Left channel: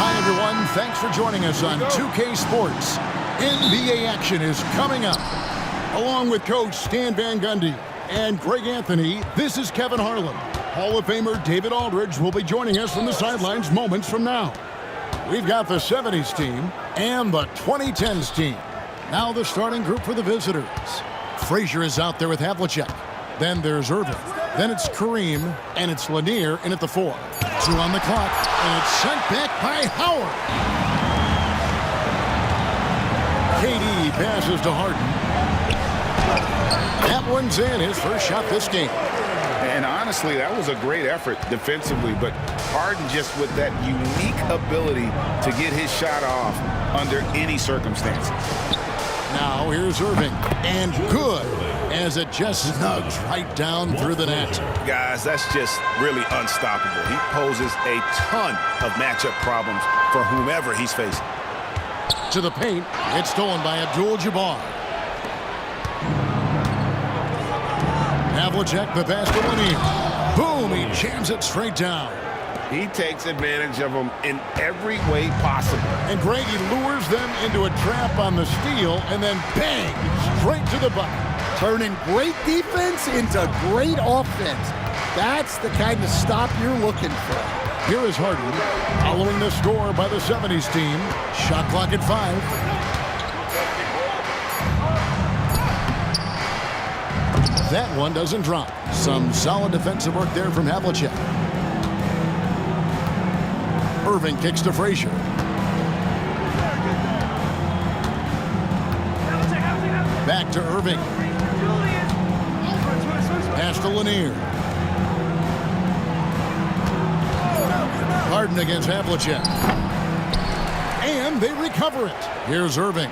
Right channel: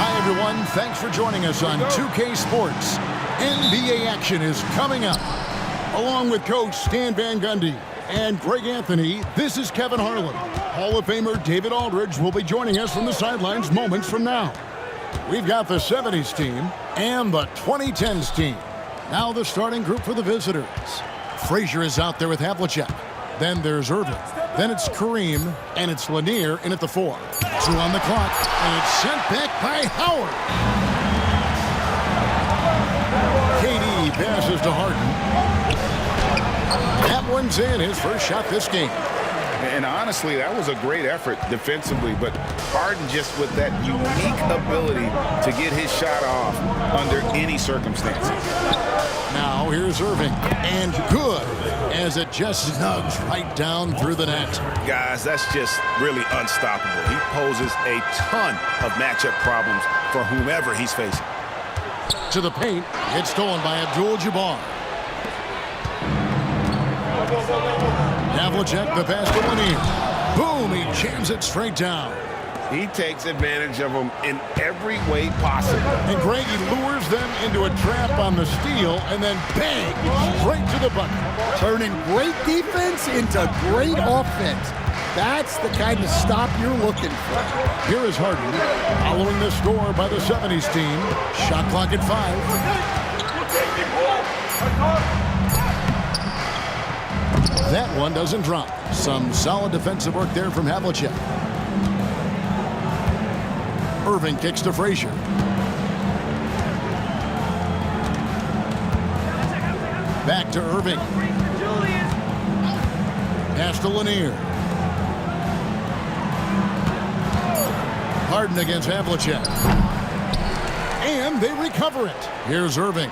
Hi, everyone. Thanks for joining us on 2K Sports. NBA action is coming up. Along with Coach Stan Van Gundy and Greg Anthony, this is Kevin Harlan. Hall of Famer David Aldridge will be joining us from the sidelines moments from now. We've got the 70's team and the 2010's team. Now the starting group for the visitors. Frazier is out there with Havlicek. Then there's Irving. Then it's Kareem, and it's Lanier in at the 4. 2 on the clock, and it's sent back by Howard. KD passes to Harden. That one's in, his first shot this game. And honestly, that was a great effort defensively, but Harden just with that unique ability to get his shot off under any circumstances. Now here's Irving, and good, as it just snugs right down through the net. Guys, that's just really unstoppable. He poses a ton of matchup problems for whomever he's facing. To the paint, it's stolen by Abdul-Jabbar. Havlicek, the pass to Lanier. Boom, he jams it straight down. He takes advantage of them in every way possible. And Greg, he lures them into a trap on the steal, and then bang, straight to the bucket. Turning great defense into great offense. That's the kind of stop you're looking for. Here is Harden, following the score by the 70's team. Shot clock at 5. That one doesn't drop. Some solid defensive work there from Havlicek. Irving kicks to Frazier. Back to Irving. Pass to Lanier. Harden against Havlicek. And they recover it. Here's Irving.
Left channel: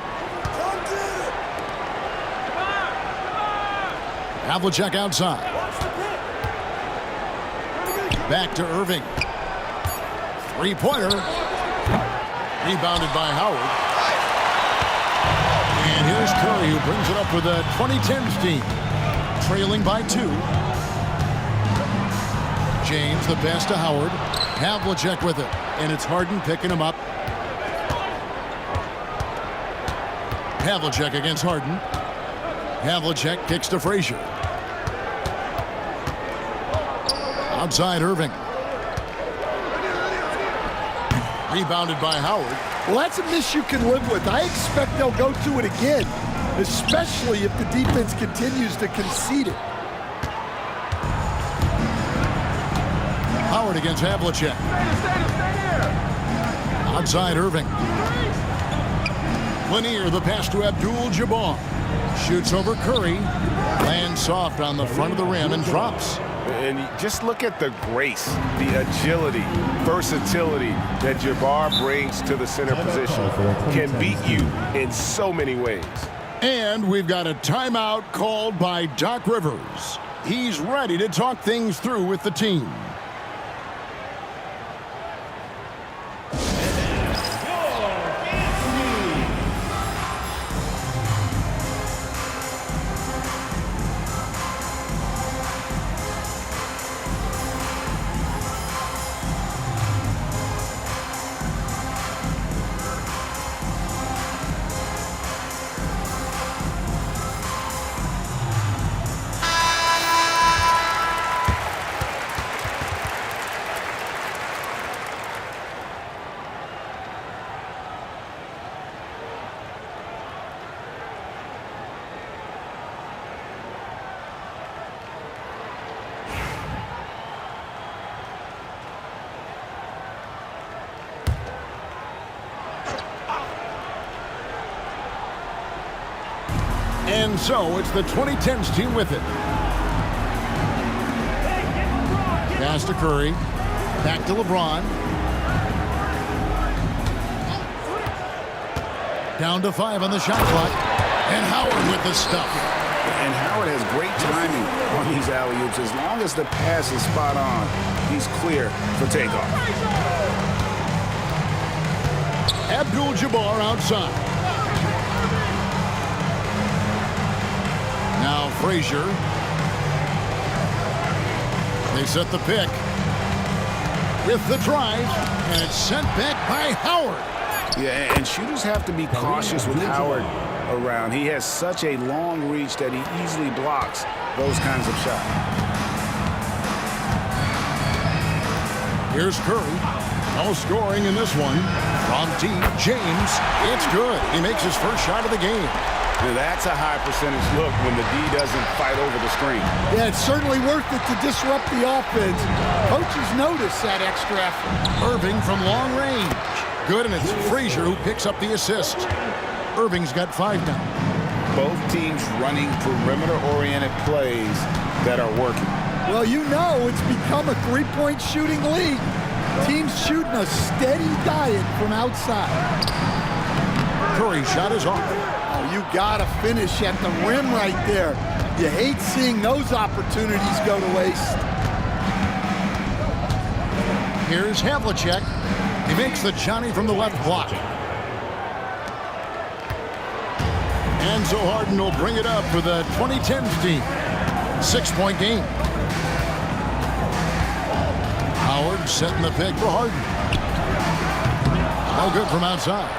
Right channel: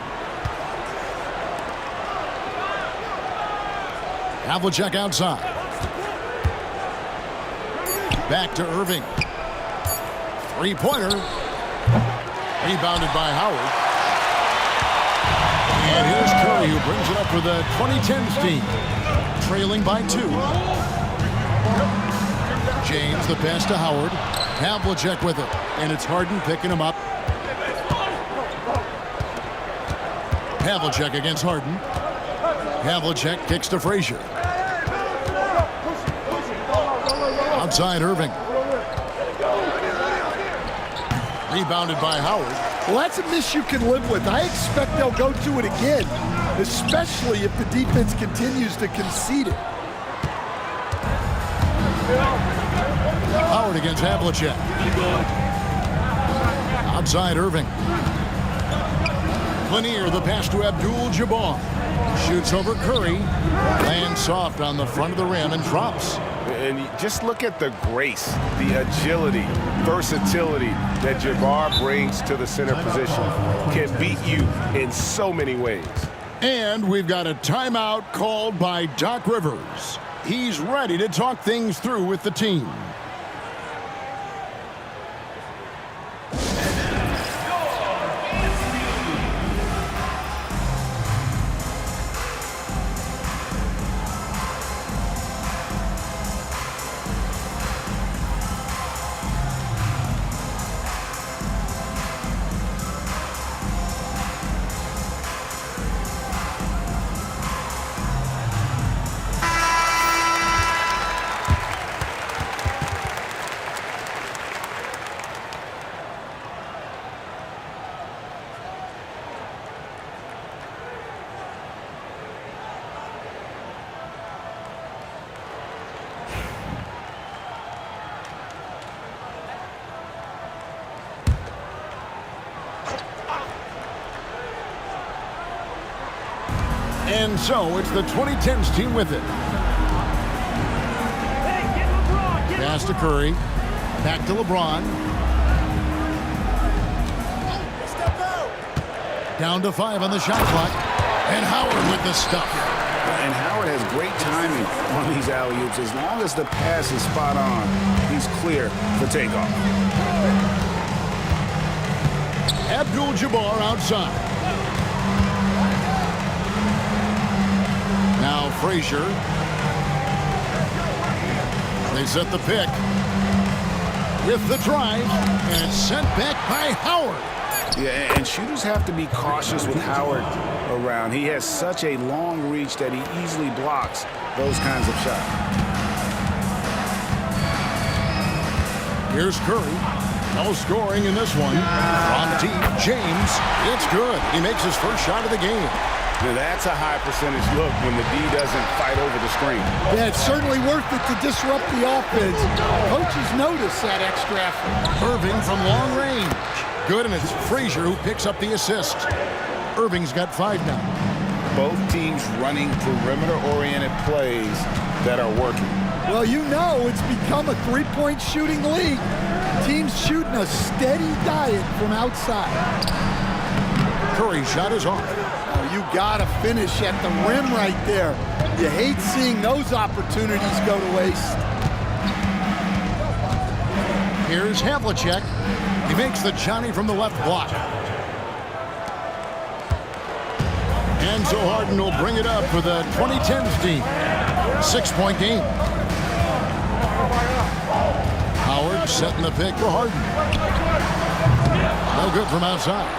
Havlicek outside. Back to Irving. Three-pointer. Rebounded by Howard. And here's Curry, who brings it up for the 2010's team. Trailing by 2. James, the pass to Howard. Havlicek with it. And it's Harden picking him up. Havlicek against Harden. Havlicek kicks to Frazier. Outside Irving. Rebounded by Howard. Well, that's a miss you can live with. I expect they'll go to it again, especially if the defense continues to concede it. Howard against Havlicek. Outside Irving. Lanier, the pass to Abdul-Jabbar. Shoots over Curry. Lands soft on the front of the rim and drops. And just look at the grace, the agility, versatility that Jabbar brings to the center position. Can beat you in so many ways. And we've got a timeout called by Doc Rivers. He's ready to talk things through with the team. And so it's the 2010's team with it. Pass to Curry. Back to LeBron. Down to 5 on the shot clock. And Howard with the stuff. And Howard has great timing on these alley-oops. As long as the pass is spot on, he's clear for takeoff. Abdul-Jabbar outside. Now Frazier. They set the pick. with the drive, and it's sent back by Howard. Yeah, and shooters have to be cautious with Howard around. He has such a long reach that he easily blocks those kinds of shots. Here's Curry. No scoring in this one. From deep, James. It's good. He makes his first shot of the game. Now that's a high percentage look when the D doesn't fight over the screen. Yeah, it's certainly worth it to disrupt the offense. Coaches notice that extra effort. Irving from long range. Good, and it's Frazier who picks up the assist. Irving's got 5 now. Both teams running perimeter-oriented plays that are working. Well, you know it's become a three-point shooting league. Teams shooting a steady diet from outside. Curry's shot is off. Oh, you gotta finish at the rim right there. You hate seeing those opportunities go to waste. Here's Havlicek. He makes the Johnny from the left block. Enzo Harden will bring it up for the 2010's team. 6-point game. Howard setting the pick for Harden. No good from outside.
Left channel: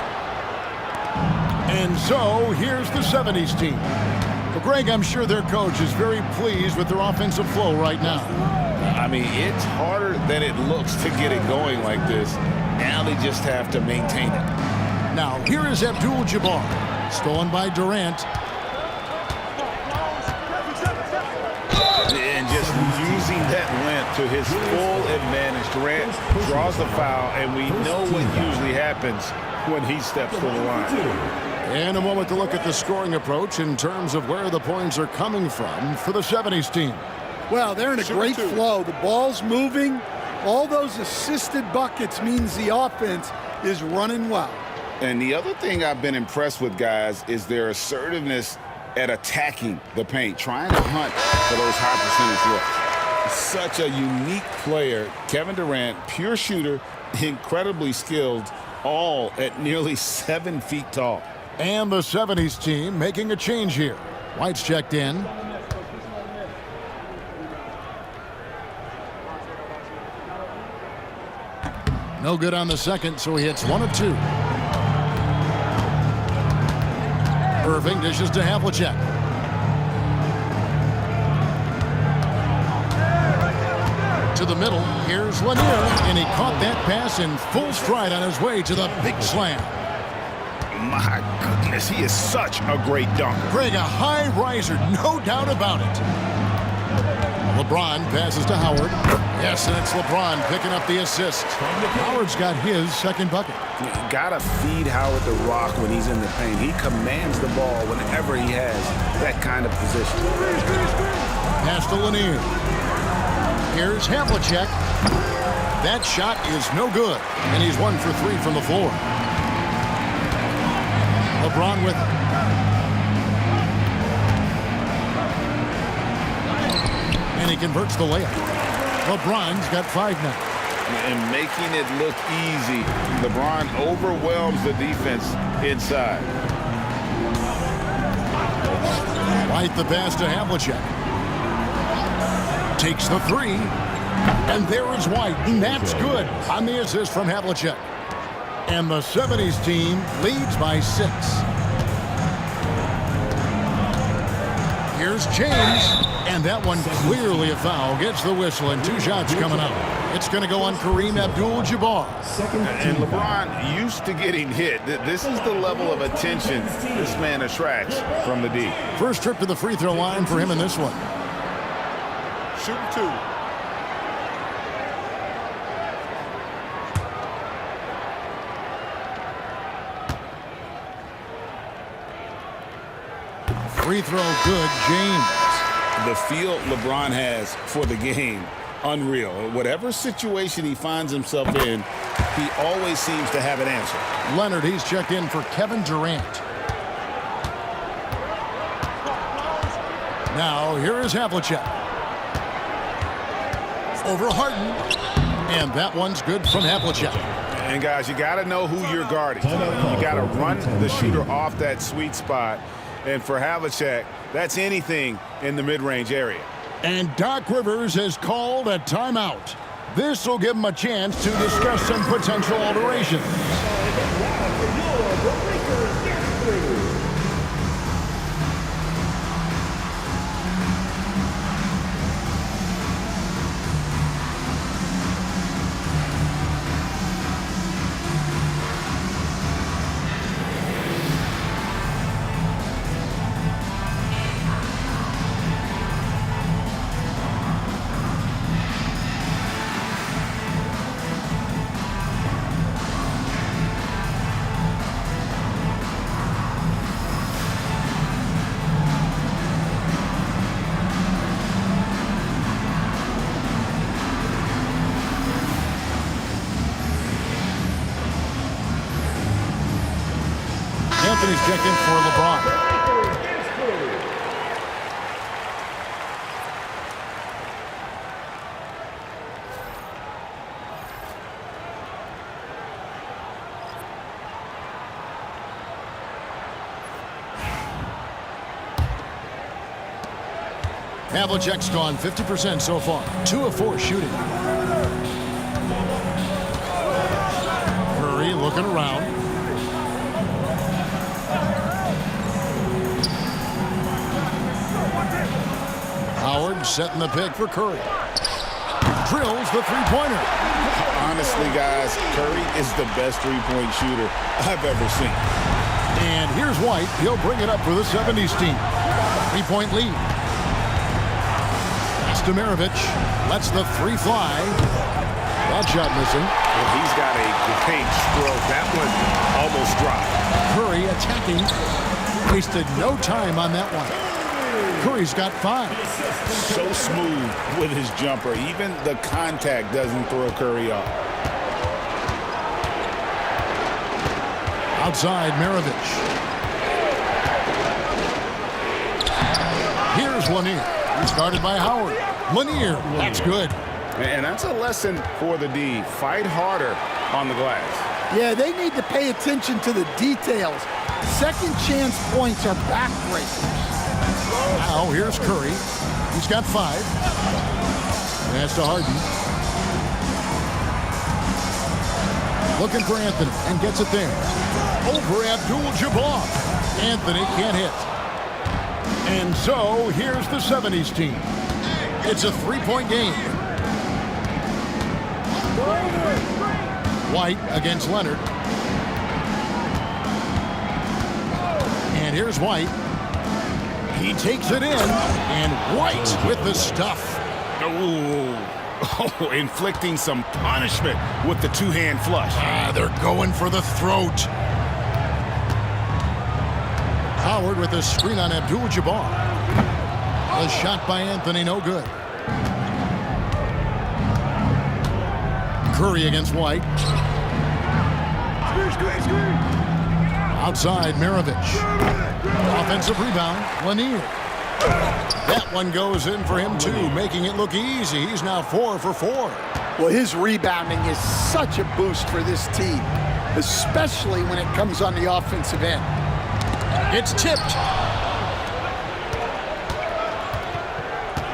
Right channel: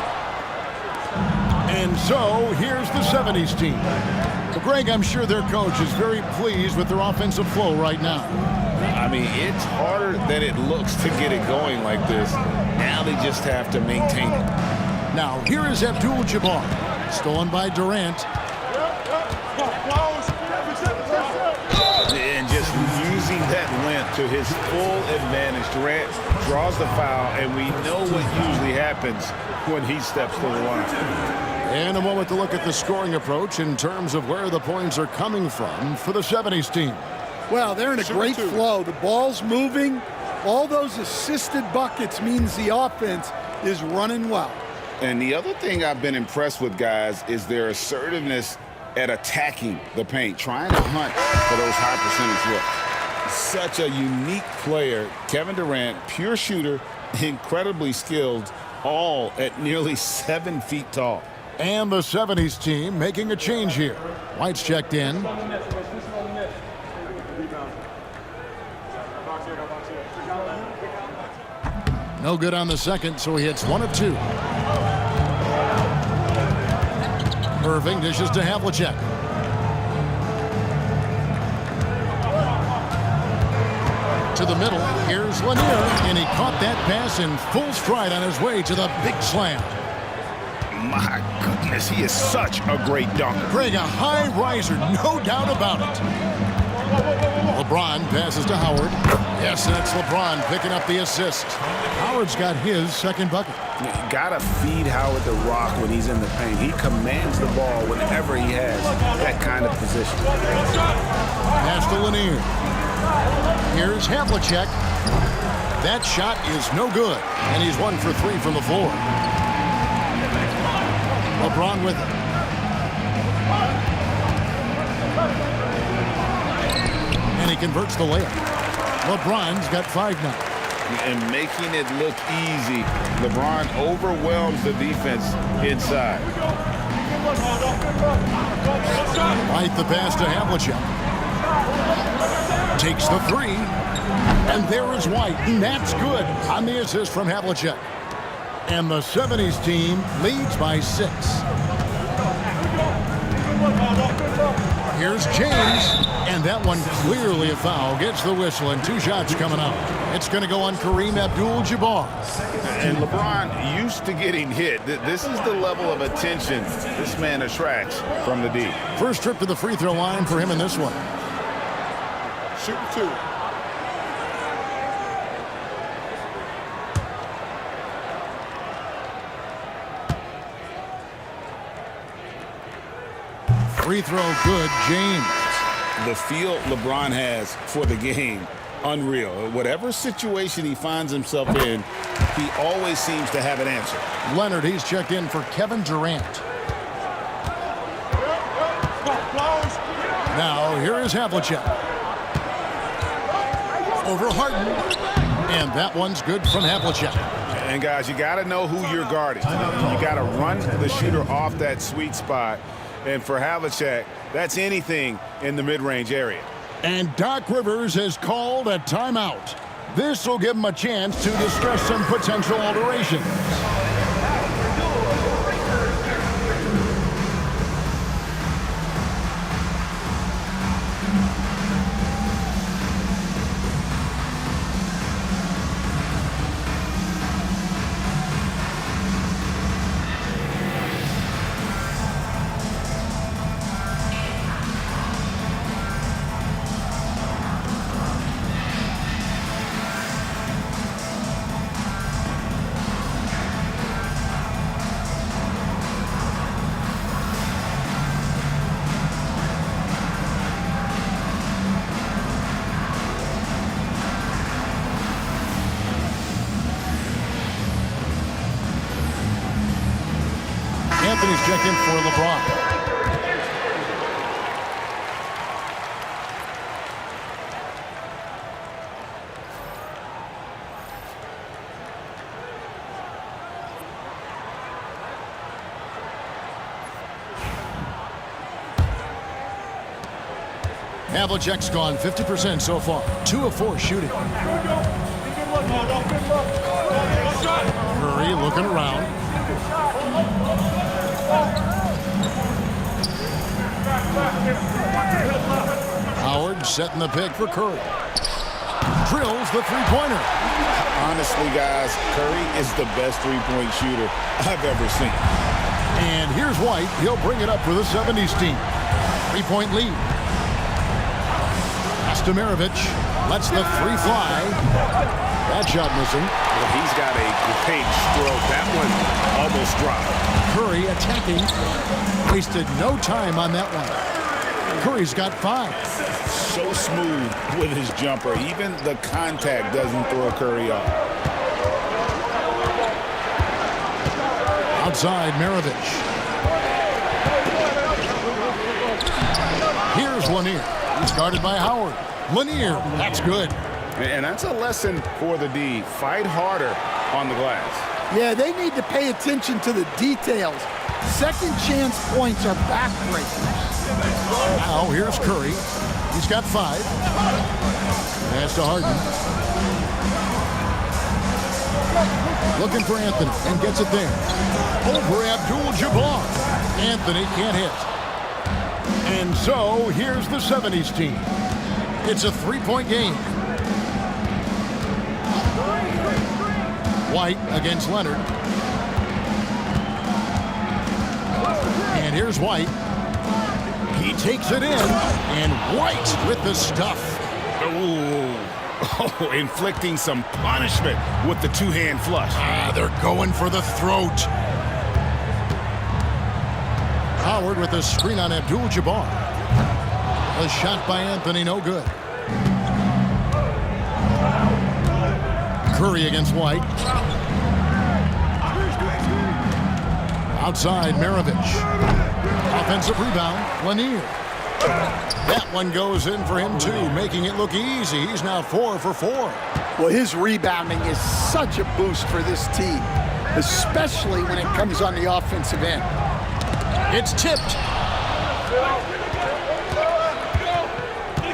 And so, here's the 70's team. Well, Greg, I'm sure their coach is very pleased with their offensive flow right now. I mean, it's harder than it looks to get it going like this. Now they just have to maintain it. Now, here is Abdul-Jabbar. Stolen by Durant. And just using that length to his full advantage. Durant draws the foul, and we know what usually happens when he steps to the line. And a moment to look at the scoring approach in terms of where the points are coming from for the 70's team. Well, they're in a great flow. The ball's moving. All those assisted buckets means the offense is running well. And the other thing I've been impressed with, guys, is their assertiveness at attacking the paint, trying to hunt for those high percentage looks. Such a unique player. Kevin Durant, pure shooter, incredibly skilled, all at nearly 7 feet tall. And the 70's team making a change here. White's checked in. No good on the second, so he hits 1 of 2. Irving dishes to Havlicek. To the middle, here's Lanier, and he caught that pass in full stride on his way to the big slam. My goodness, he is such a great dunker. Greg, a high riser, no doubt about it. LeBron passes to Howard. Yes, and it's LeBron picking up the assist. Howard's got his second bucket. You gotta feed Howard the rock when he's in the paint. He commands the ball whenever he has that kind of position. Pass to Lanier. Here's Havlicek. That shot is no good, and he's 1 for 3 from the floor. LeBron with it. And he converts the layup. LeBron's got 5 now. And making it look easy, LeBron overwhelms the defense inside. White the pass to Havlicek. Takes the 3. And there is White, and that's good on the assist from Havlicek. And the 70's team leads by 6. Here's James, and that one clearly a foul. Gets the whistle, and 2 shots coming out. It's going to go on Kareem Abdul-Jabbar. And LeBron used to getting hit. This is the level of attention this man attracts from the D. First trip to the free throw line for him in this one. Shooting 2. Free throw good, James. The feel LeBron has for the game, unreal. Whatever situation he finds himself in, he always seems to have an answer. Leonard, he's checked in for Kevin Durant. Now, here is Havlicek. Over Harden. And that one's good from Havlicek. And, guys, you got to know who you're guarding. You got to run the shooter off that sweet spot. And for Havlicek, that's anything in the mid-range area. And Doc Rivers has called a timeout. This will give him a chance to discuss some potential alterations. Anthony's checked in for LeBron. Havlicek's gone 50% so far. 2 of 4 shooting. Curry looking around. Howard setting the pick for Curry. Drills the three-pointer. Honestly, guys, Curry is the best three-point shooter I've ever seen. And here's White. He'll bring it up for the 70's team. 3-point lead. Pass to Maravich. Lets the three fly. That shot missing. Well, he's got a great stroke. That one almost dropped. Curry attacking. Wasted no time on that one. Curry's got 5. So smooth with his jumper. Even the contact doesn't throw Curry off. Outside, Maravich. Here's Lanier. He's guarded by Howard. Lanier, that's good. And that's a lesson for the D. Fight harder on the glass. Yeah, they need to pay attention to the details. Second chance points are backbreakers. Now here's Curry. He's got 5. Pass to Harden. Looking for Anthony and gets it there. Over Abdul-Jabbar. Anthony can't hit. And so here's the 70's team. It's a 3-point game. White against Leonard. And here's White. He takes it in, and White with the stuff. Oh, inflicting some punishment with the two-hand flush. They're going for the throat. Howard with a screen on Abdul-Jabbar. A shot by Anthony, no good. Curry against White. Outside, Maravich. Offensive rebound, Lanier. That one goes in for him, too, making it look easy. He's now 4 for 4. Well, his rebounding is such a boost for this team, especially when it comes on the offensive end. It's tipped.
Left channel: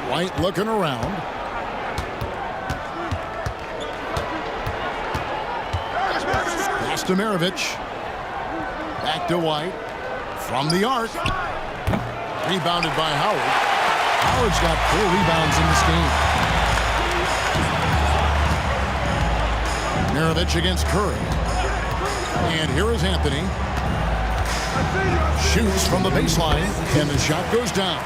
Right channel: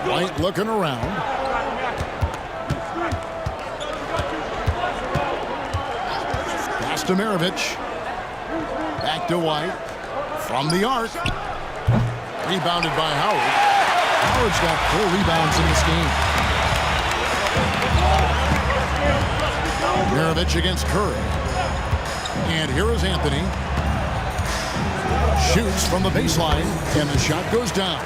White looking around. Pass to Maravich. Back to White. From the arc. Rebounded by Howard. Howard's got 4 rebounds in this game. Maravich against Curry. And here is Anthony. Shoots from the baseline, and the shot goes down.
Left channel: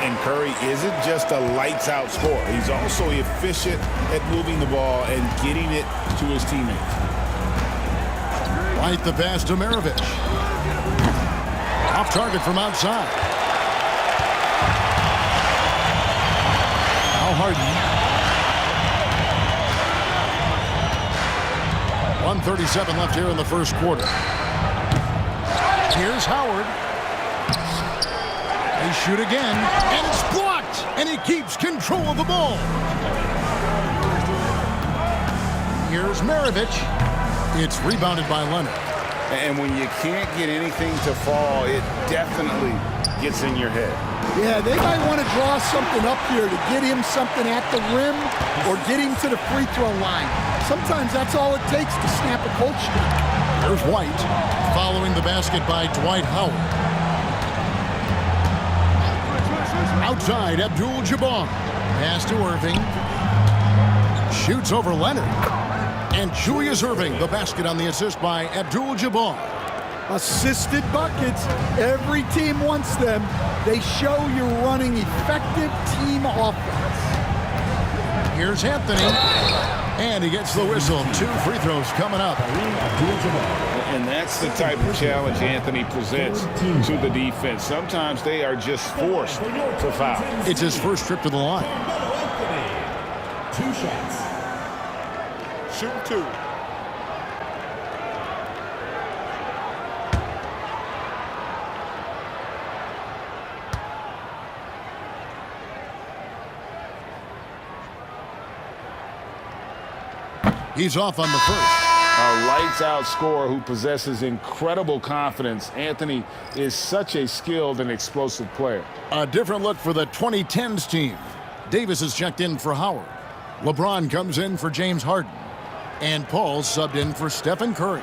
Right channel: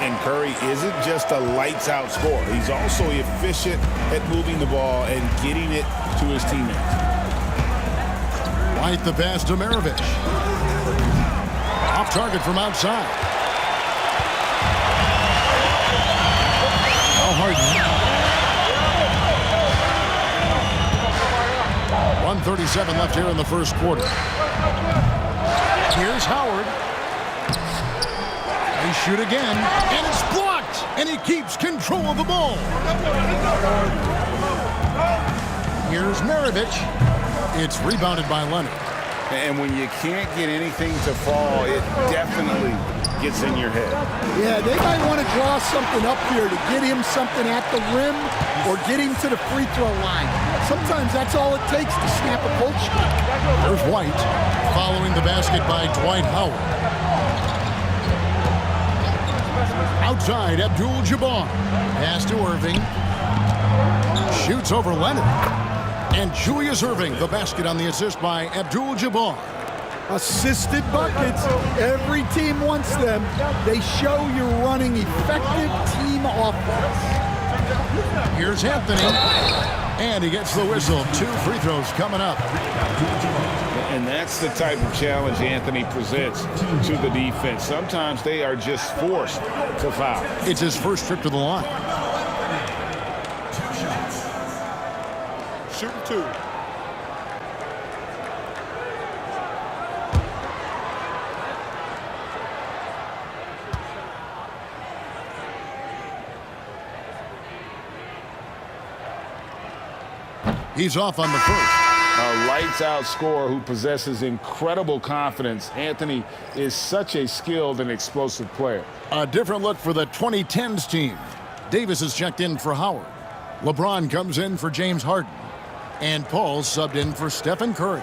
And Curry isn't just a lights-out scorer. He's also efficient at moving the ball and getting it to his teammates. White the pass to Maravich. Off target from outside. Now Harden. 1:37 left here in the first quarter. Here's Howard. They shoot again, and it's blocked, and he keeps control of the ball. Here's Maravich. It's rebounded by Leonard. And when you can't get anything to fall, it definitely gets in your head. Yeah, they might want to draw something up here to get him something at the rim or get him to the free throw line. Sometimes that's all it takes to snap a cold streak. Here's White following the basket by Dwight Howard. Outside, Abdul-Jabbar. Pass to Irving. Shoots over Leonard. And Julius Irving, the basket on the assist by Abdul-Jabbar. Assisted buckets. Every team wants them. They show you're running effective team offense. Here's Anthony. And he gets the whistle. 2 free throws coming up. And that's the type of challenge Anthony presents to the defense. Sometimes they are just forced to foul. It's his first trip to the line. 2 shots. Shooting 2. He's off on the first. A lights-out scorer who possesses incredible confidence. Anthony is such a skilled and explosive player. A different look for the 2010's team. Davis is checked in for Howard. LeBron comes in for James Harden. And Paul subbed in for Stephen Curry.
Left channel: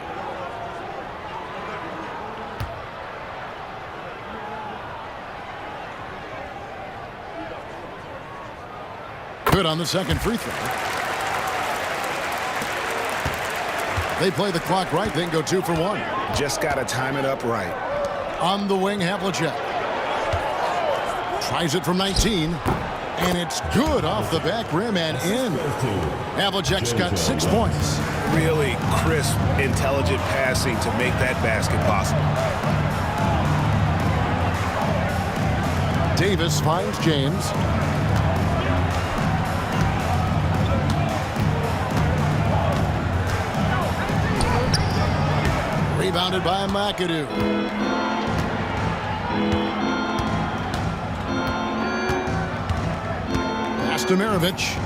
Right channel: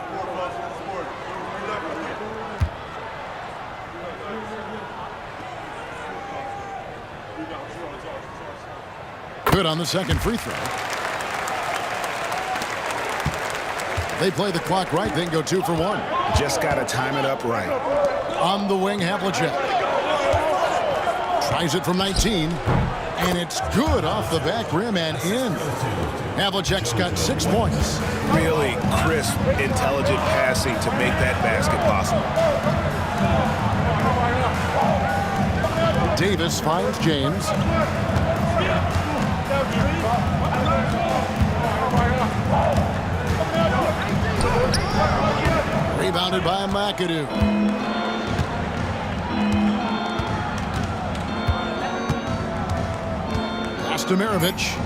Good on the second free throw. They play the clock right, then go 2 for 1. Just got to time it up right. On the wing, Havlicek. Tries it from 19. And it's good off the back rim and in. Havlicek's got 6 points. Really crisp, intelligent passing to make that basket possible. Davis finds James. Rebounded by McAdoo. Pass to Maravich.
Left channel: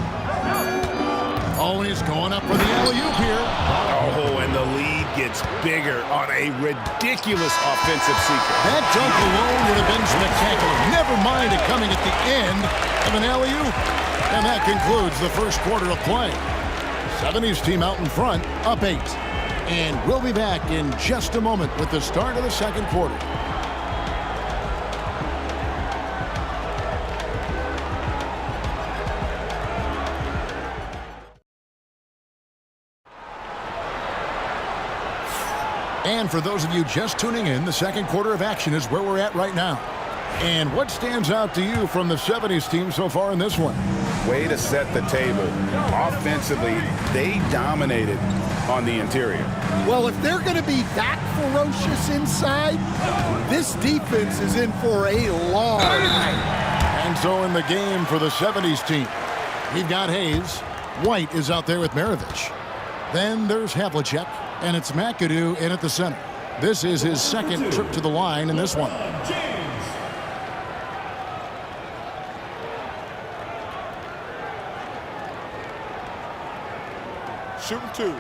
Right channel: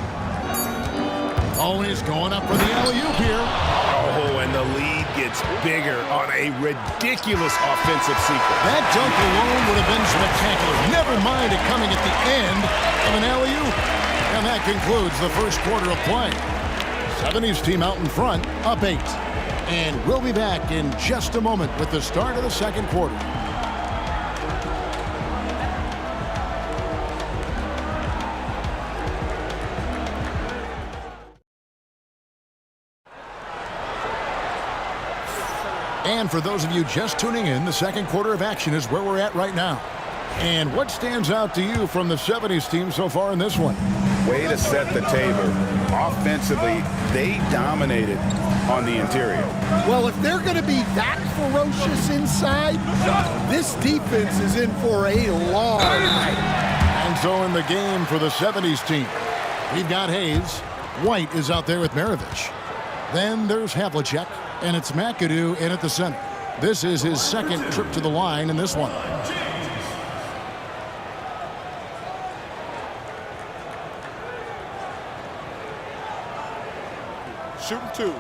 Oh, and he's going up for the alley-oop here. Oh, and the lead gets bigger on a ridiculous offensive sequence. That dunk alone would have been spectacular. Never mind it coming at the end of an alley-oop. And that concludes the first quarter of play. 70's team out in front, up 8. And we'll be back in just a moment with the start of the second quarter. And for those of you just tuning in, the second quarter of action is where we're at right now. And what stands out to you from the 70's team so far in this one? Way to set the table. Offensively, they dominated on the interior. Well, if they're going to be that ferocious inside, this defense is in for a long night. And so in the game for the 70's team, we've got Hayes. White is out there with Maravich. Then there's Havlicek, and it's McAdoo in at the center. This is his second trip to the line in this one. Shooting 2.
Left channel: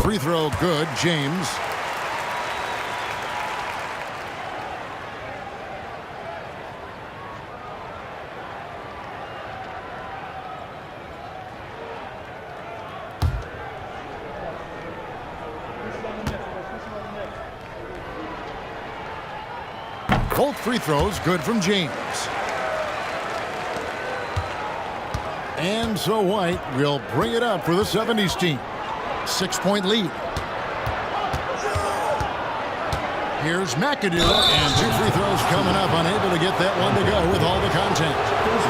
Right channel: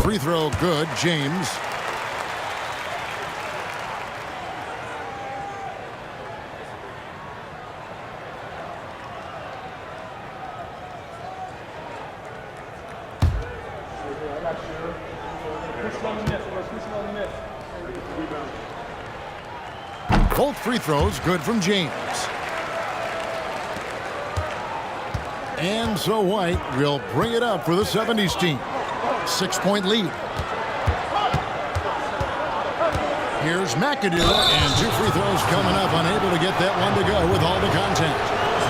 Free throw good, James. Both free throws good from James. And so White will bring it up for the 70's team. 6-point lead. Here's McAdoo, and 2 free throws coming up, unable to get that one to go with all the contact.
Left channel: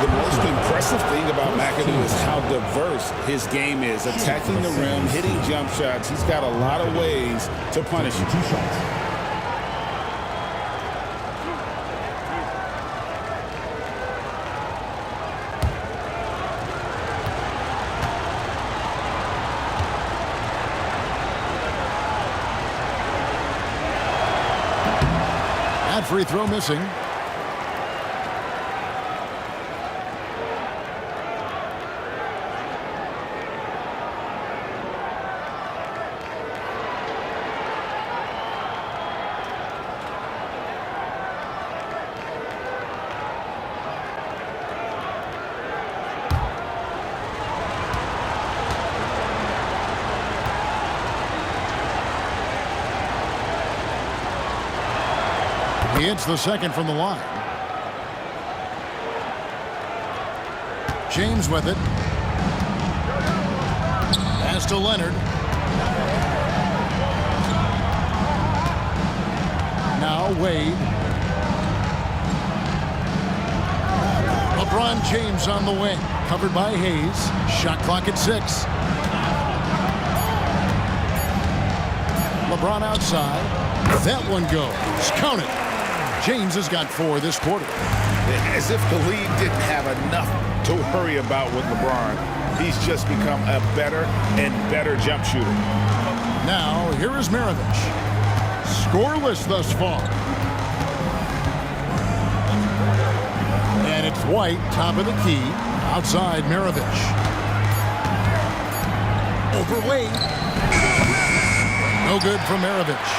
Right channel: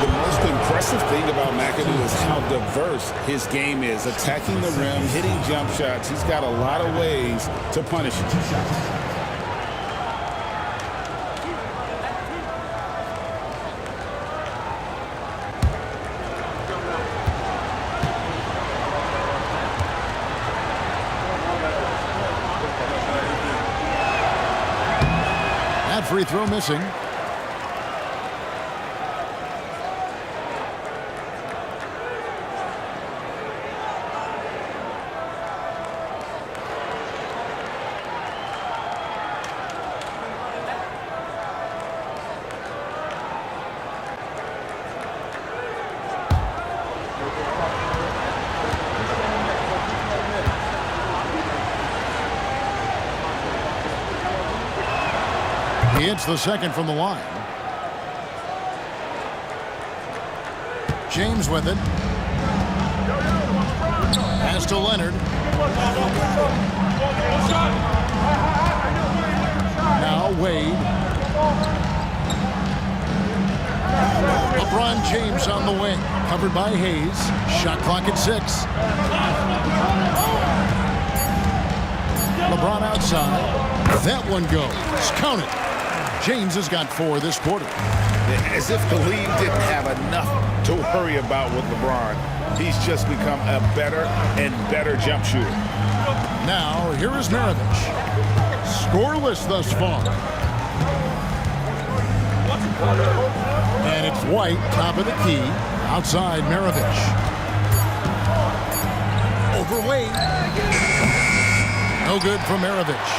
The most impressive thing about McAdoo is how diverse his game is. Attacking the rim, hitting jump shots. He's got a lot of ways to punish you. 2 shots. That free throw missing. Free He hits the second from the line. James with it. Pass to Leonard. Now Wade. LeBron James on the wing. Covered by Hayes. Shot clock at 6. LeBron outside. That one goes. Count it. James has got 4 this quarter. As if the league didn't have enough to worry about with LeBron. He's just become a better and better jump shooter. Now, here is Maravich. Scoreless thus far. And it's White, top of the key. Outside Maravich. Over Wade. No good from Maravich.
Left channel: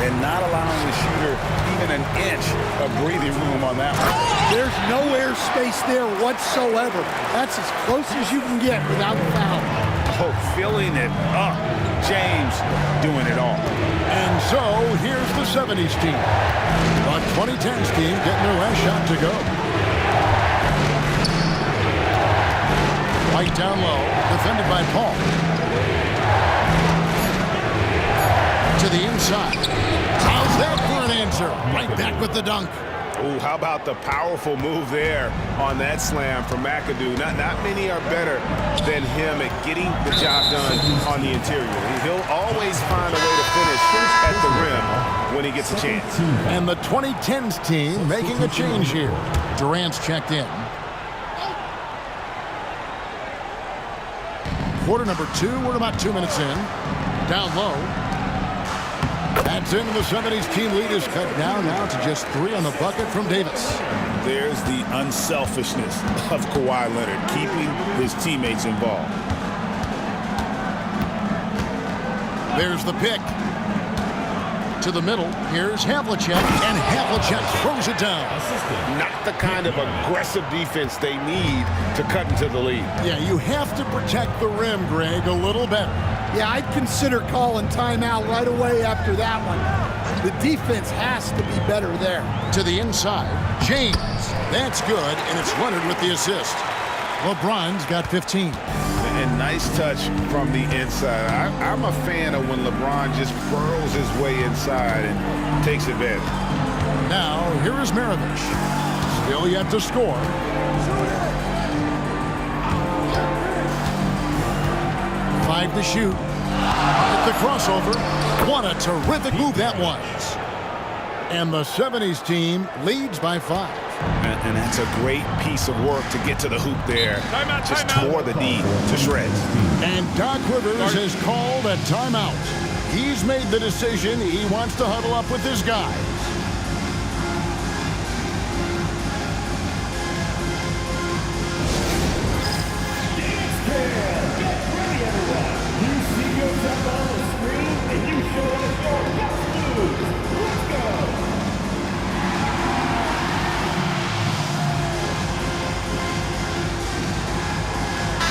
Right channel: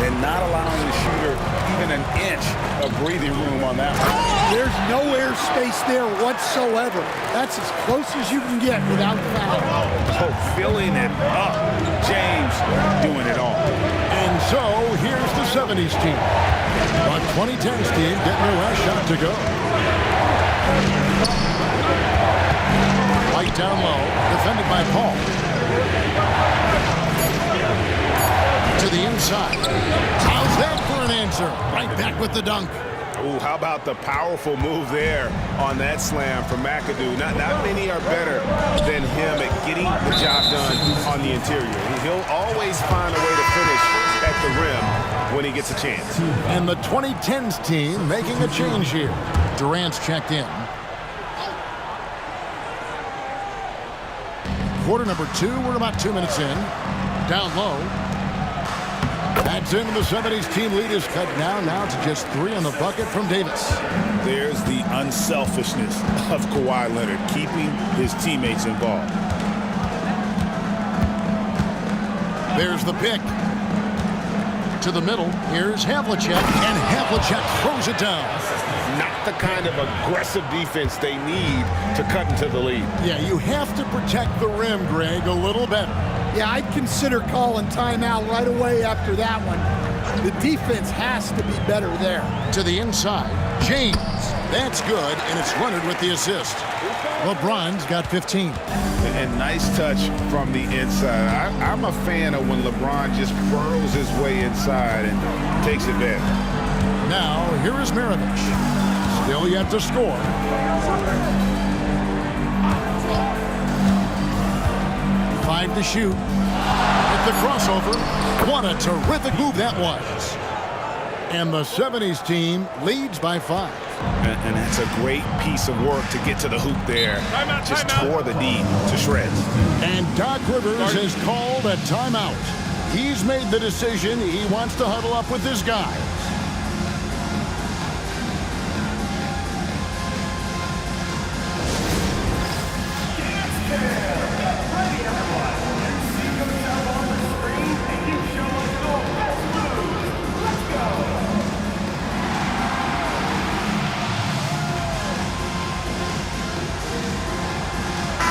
And not allowing the shooter even an inch of breathing room on that one. There's no air space there whatsoever. That's as close as you can get without foul. Oh, filling it up. James doing it all. And so, here's the 70's team. The 2010's team getting their last shot to go. White down low, defended by Paul. To the inside. How's that for an answer? Right back with the dunk. Oh, how about the powerful move there on that slam from McAdoo? Not many are better than him at getting the job done on the interior. He'll always find a way to finish at the rim when he gets a chance. And the 2010's team making a change here. Durant's checked in. Quarter number 2. We're about 2 minutes in. Down low. That's in. The 70's team lead is cut down now to just 3 on the bucket from Davis. There's the unselfishness of Kawhi Leonard, keeping his teammates involved. There's the pick. To the middle. Here's Havlicek, and Havlicek throws it down. Not the kind of aggressive defense they need to cut into the lead. Yeah, you have to protect the rim, Greg, a little better. Yeah, I'd consider calling timeout right away after that one. The defense has to be better there. To the inside, James. That's good, and it's Leonard with the assist. LeBron's got 15. And nice touch from the inside. I'm a fan of when LeBron just burrows his way inside and takes advantage. Now, here is Maravich. Still yet to score. Five to shoot. Hit the crossover. What a terrific move that was. And the 70's team leads by 5. And that's a great piece of work to get to the hoop there. Timeout, just timeout. tore the D to shreds. And Doc Rivers has called a timeout. He's made the decision. He wants to huddle up with his guys.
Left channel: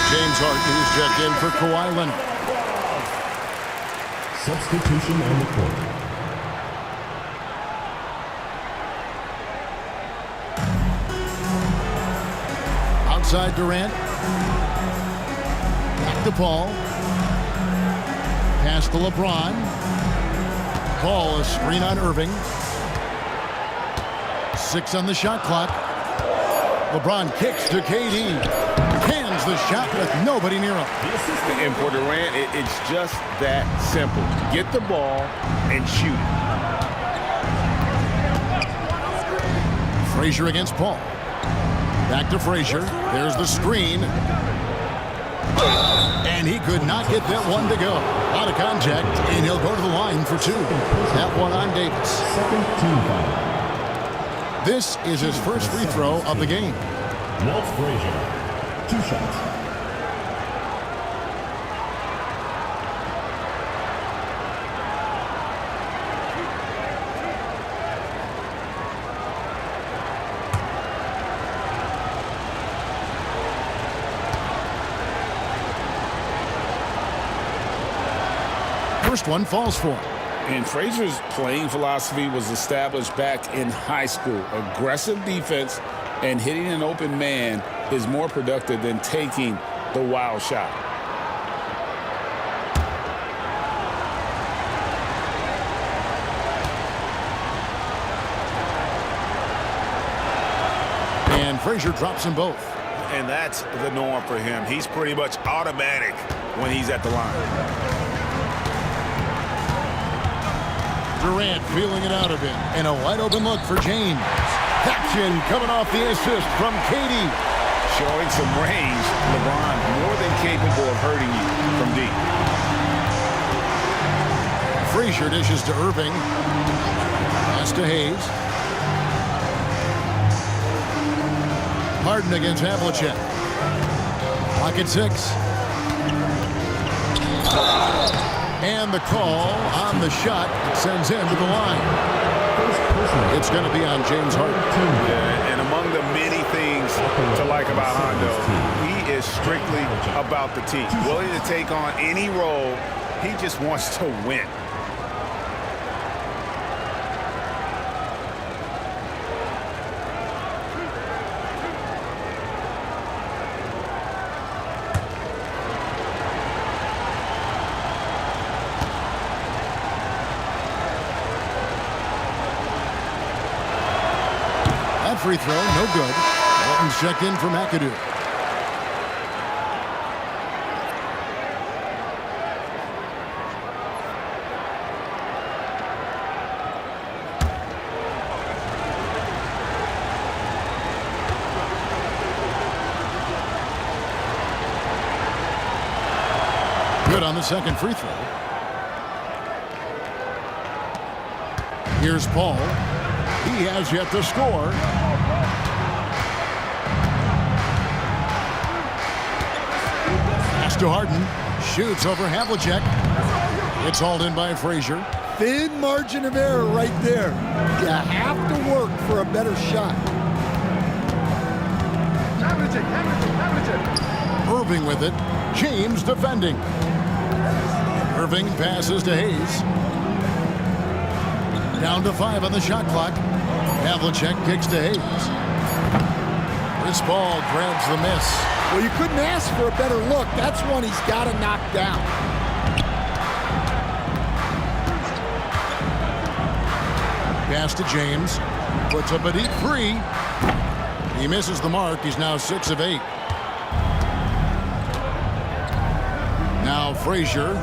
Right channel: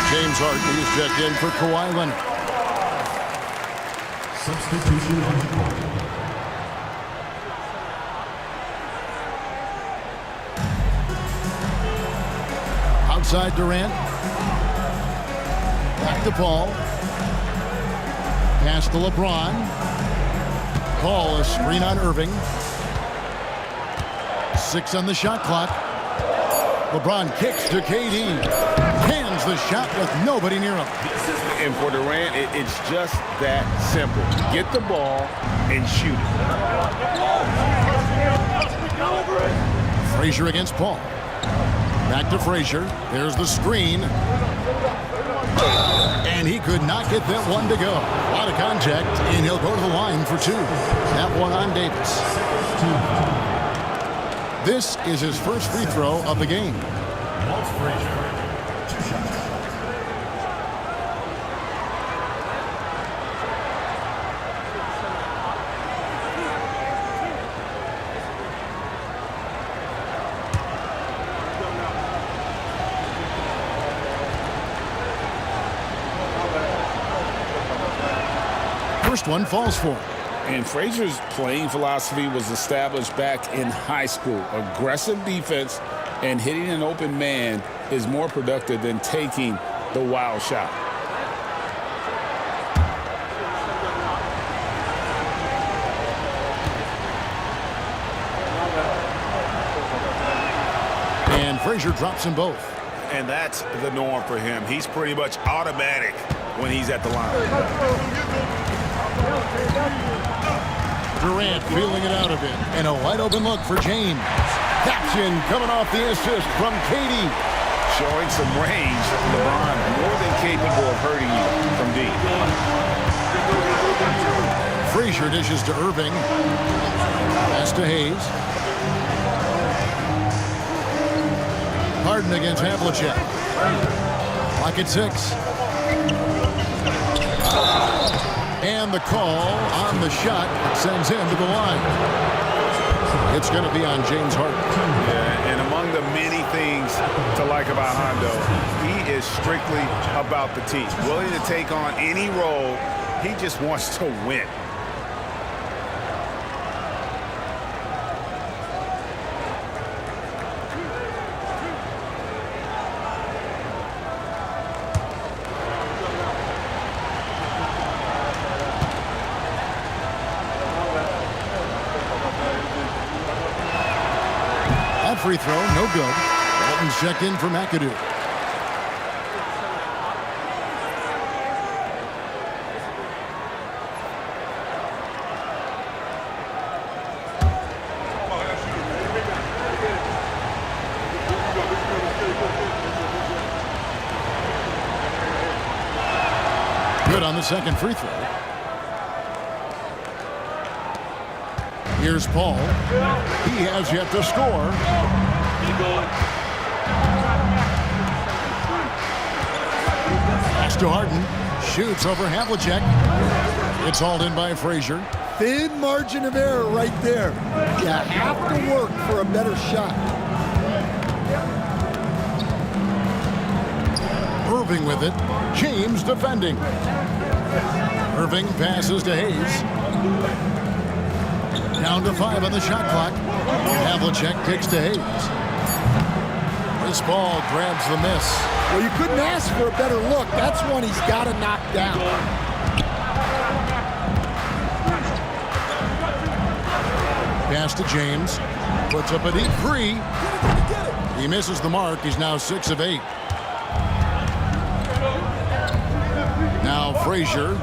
James Harden is checked in for Kawhi Leonard. Substitution on the court. Outside Durant. Back to Paul. Pass to LeBron. Paul, a screen on Irving. 6 on the shot clock. LeBron kicks to KD. Cans the shot with nobody near him. And for Durant, it's just that simple. Get the ball and shoot it. Frazier against Paul. Back to Frazier. There's the screen. And he could not get that one to go. A lot of contact, and he'll go to the line for 2. That one on Davis. Second team foul. This is his first free throw of the game. Walt Frazier. 2 shots. First one falls for him. And Frazier's playing philosophy was established back in high school. Aggressive defense and hitting an open man is more productive than taking the wild shot. And Frazier drops them both. And that's the norm for him. He's pretty much automatic when he's at the line. Durant feeling it out a bit. And a wide open look for James. Action coming off the assist from Katie. Showing some range, LeBron more than capable of hurting you from deep. Frazier dishes to Irving. Pass to Hayes. Harden against Havlicek. Clock at 6. And the call on the shot that sends him to the line. It's going to be on James Harden. Yeah, and among the many things to like about Hondo, he is strictly about the team. Willing to take on any role. He just wants to win. That free throw, no good. Walton's checked in for McAdoo. Good on the second free throw. Here's Paul. He has yet to score. Pass to Harden. Shoots over Havlicek. It's hauled in by Frazier. Thin margin of error right there. You have to work for a better shot. Irving with it. James defending. Irving passes to Hayes. Down to 5 on the shot clock. Havlicek kicks to Hayes. Chris Paul grabs the miss. Well, you couldn't ask for a better look. That's one he's got to knock down. Pass to James. Puts up a deep 3. He misses the mark. He's now 6 of 8. Now Frazier.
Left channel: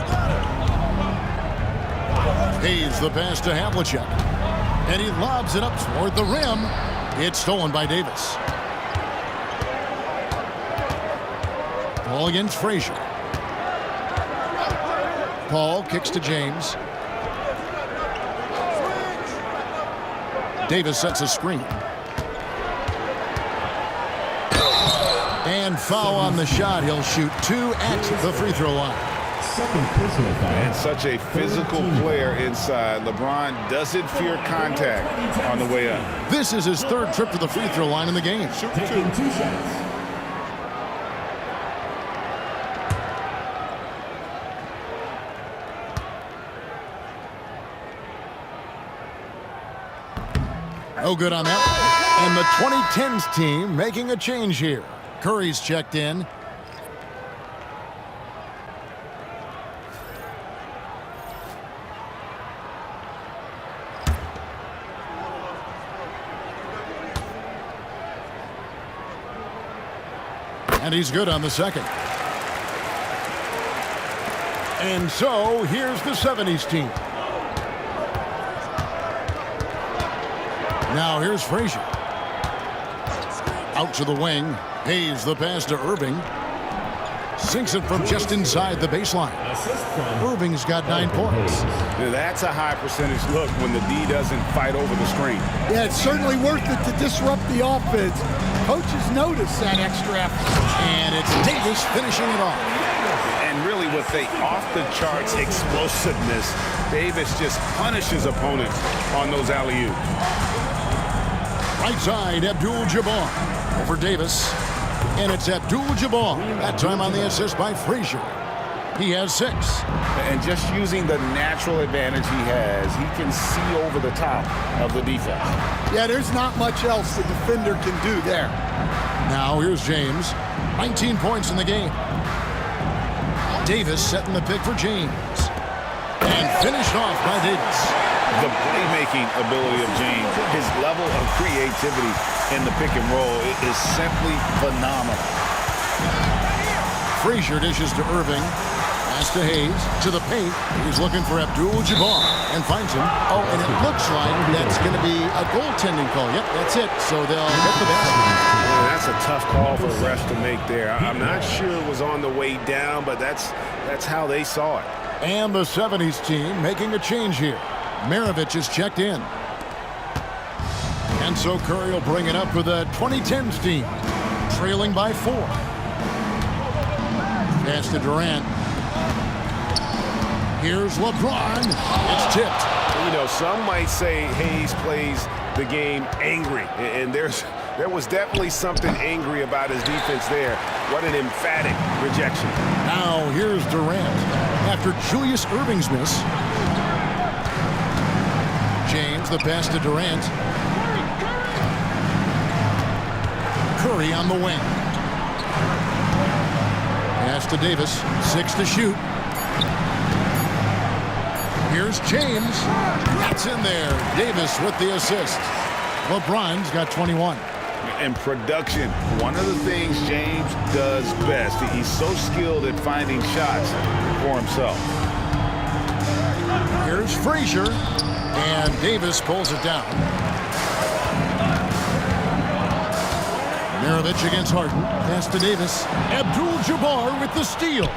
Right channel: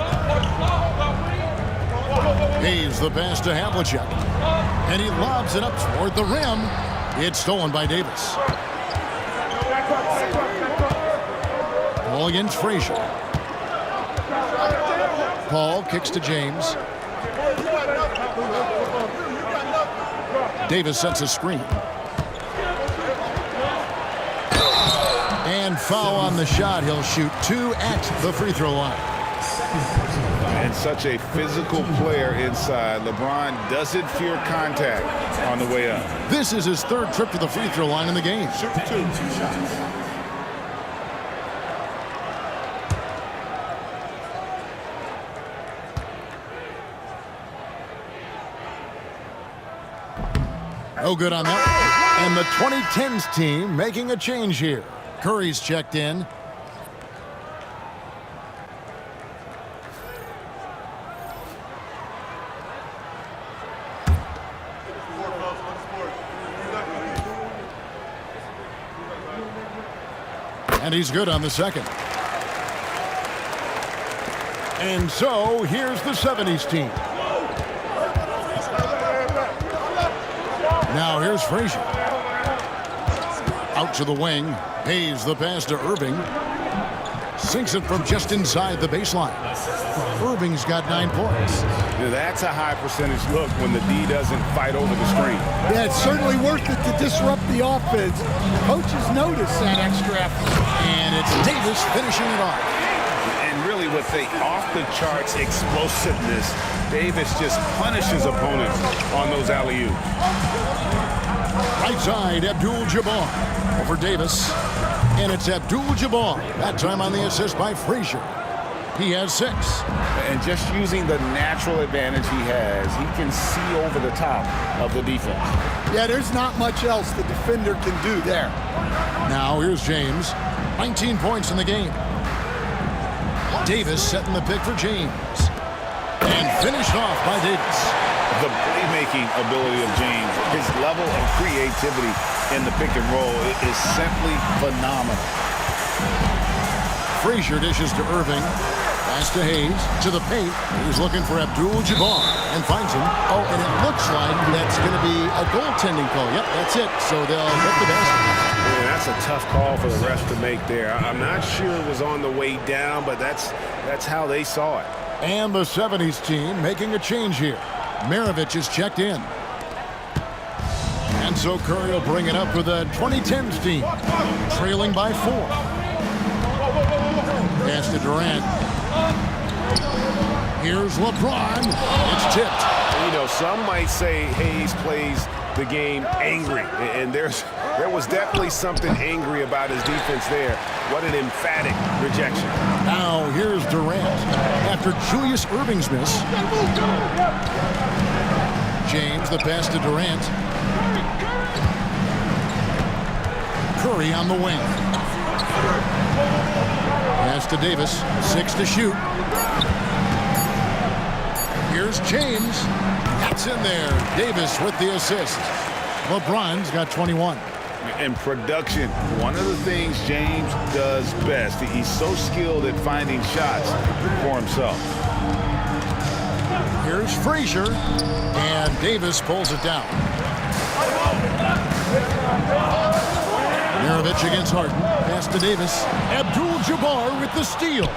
Hayes the pass to Havlicek. And he lobs it up toward the rim. It's stolen by Davis. Paul against Frazier. Paul kicks to James. Davis sets a screen. And foul on the shot. He'll shoot 2 at the free throw line. And such a physical player inside. LeBron doesn't fear contact on the way up. This is his 3rd trip to the free throw line in the game. Shoot 2. No good on that one. And the 2010's team making a change here. Curry's checked in. And he's good on the second. And so here's the 70's team. Now here's Frazier. Out to the wing. Hayes the pass to Irving. Sinks it from just inside the baseline. Irving's got 9 points. Now that's a high percentage look when the D doesn't fight over the screen. Yeah, it's certainly worth it to disrupt the offense. Coaches notice that extra effort. And it's Davis finishing it off. And really with the off-the-charts explosiveness, Davis just punishes opponents on those alley-oops. Right side, Abdul-Jabbar over Davis. And it's Abdul-Jabbar, that time on the assist by Frazier. He has 6. And just using the natural advantage he has, he can see over the top of the defense. Yeah, there's not much else the defender can do there. Now here's James. 19 points in the game. Davis setting the pick for James. And finished off by Davis. The playmaking ability of James, his level of creativity in the pick and roll is simply phenomenal. Frazier dishes to Irving. Pass to Hayes. To the paint. He's looking for Abdul-Jabbar and finds him. Oh, and it looks like that's going to be a goaltending call. Yep, that's it. So they'll get the basket. Man, that's a tough call for the refs to make there. I'm not sure it was on the way down, but that's how they saw it. And the 70s team making a change here. Maravich is checked in. And so Curry will bring it up for the 2010's team. Trailing by 4. Pass to Durant. Here's LeBron. It's tipped. You know, some might say Hayes plays the game angry, and there was definitely something angry about his defense there. What an emphatic rejection. Now here's Durant. After Julius Irving's miss. James, the pass to Durant. Curry on the wing. Pass to Davis. 6 to shoot. Here's James. That's in there. Davis with the assist. LeBron's got 21. In production, one of the things James does best, he's so skilled at finding shots for himself. Here's Frazier. And Davis pulls it down. Maravich against Harden. Pass to Davis. Abdul-Jabbar with the steal.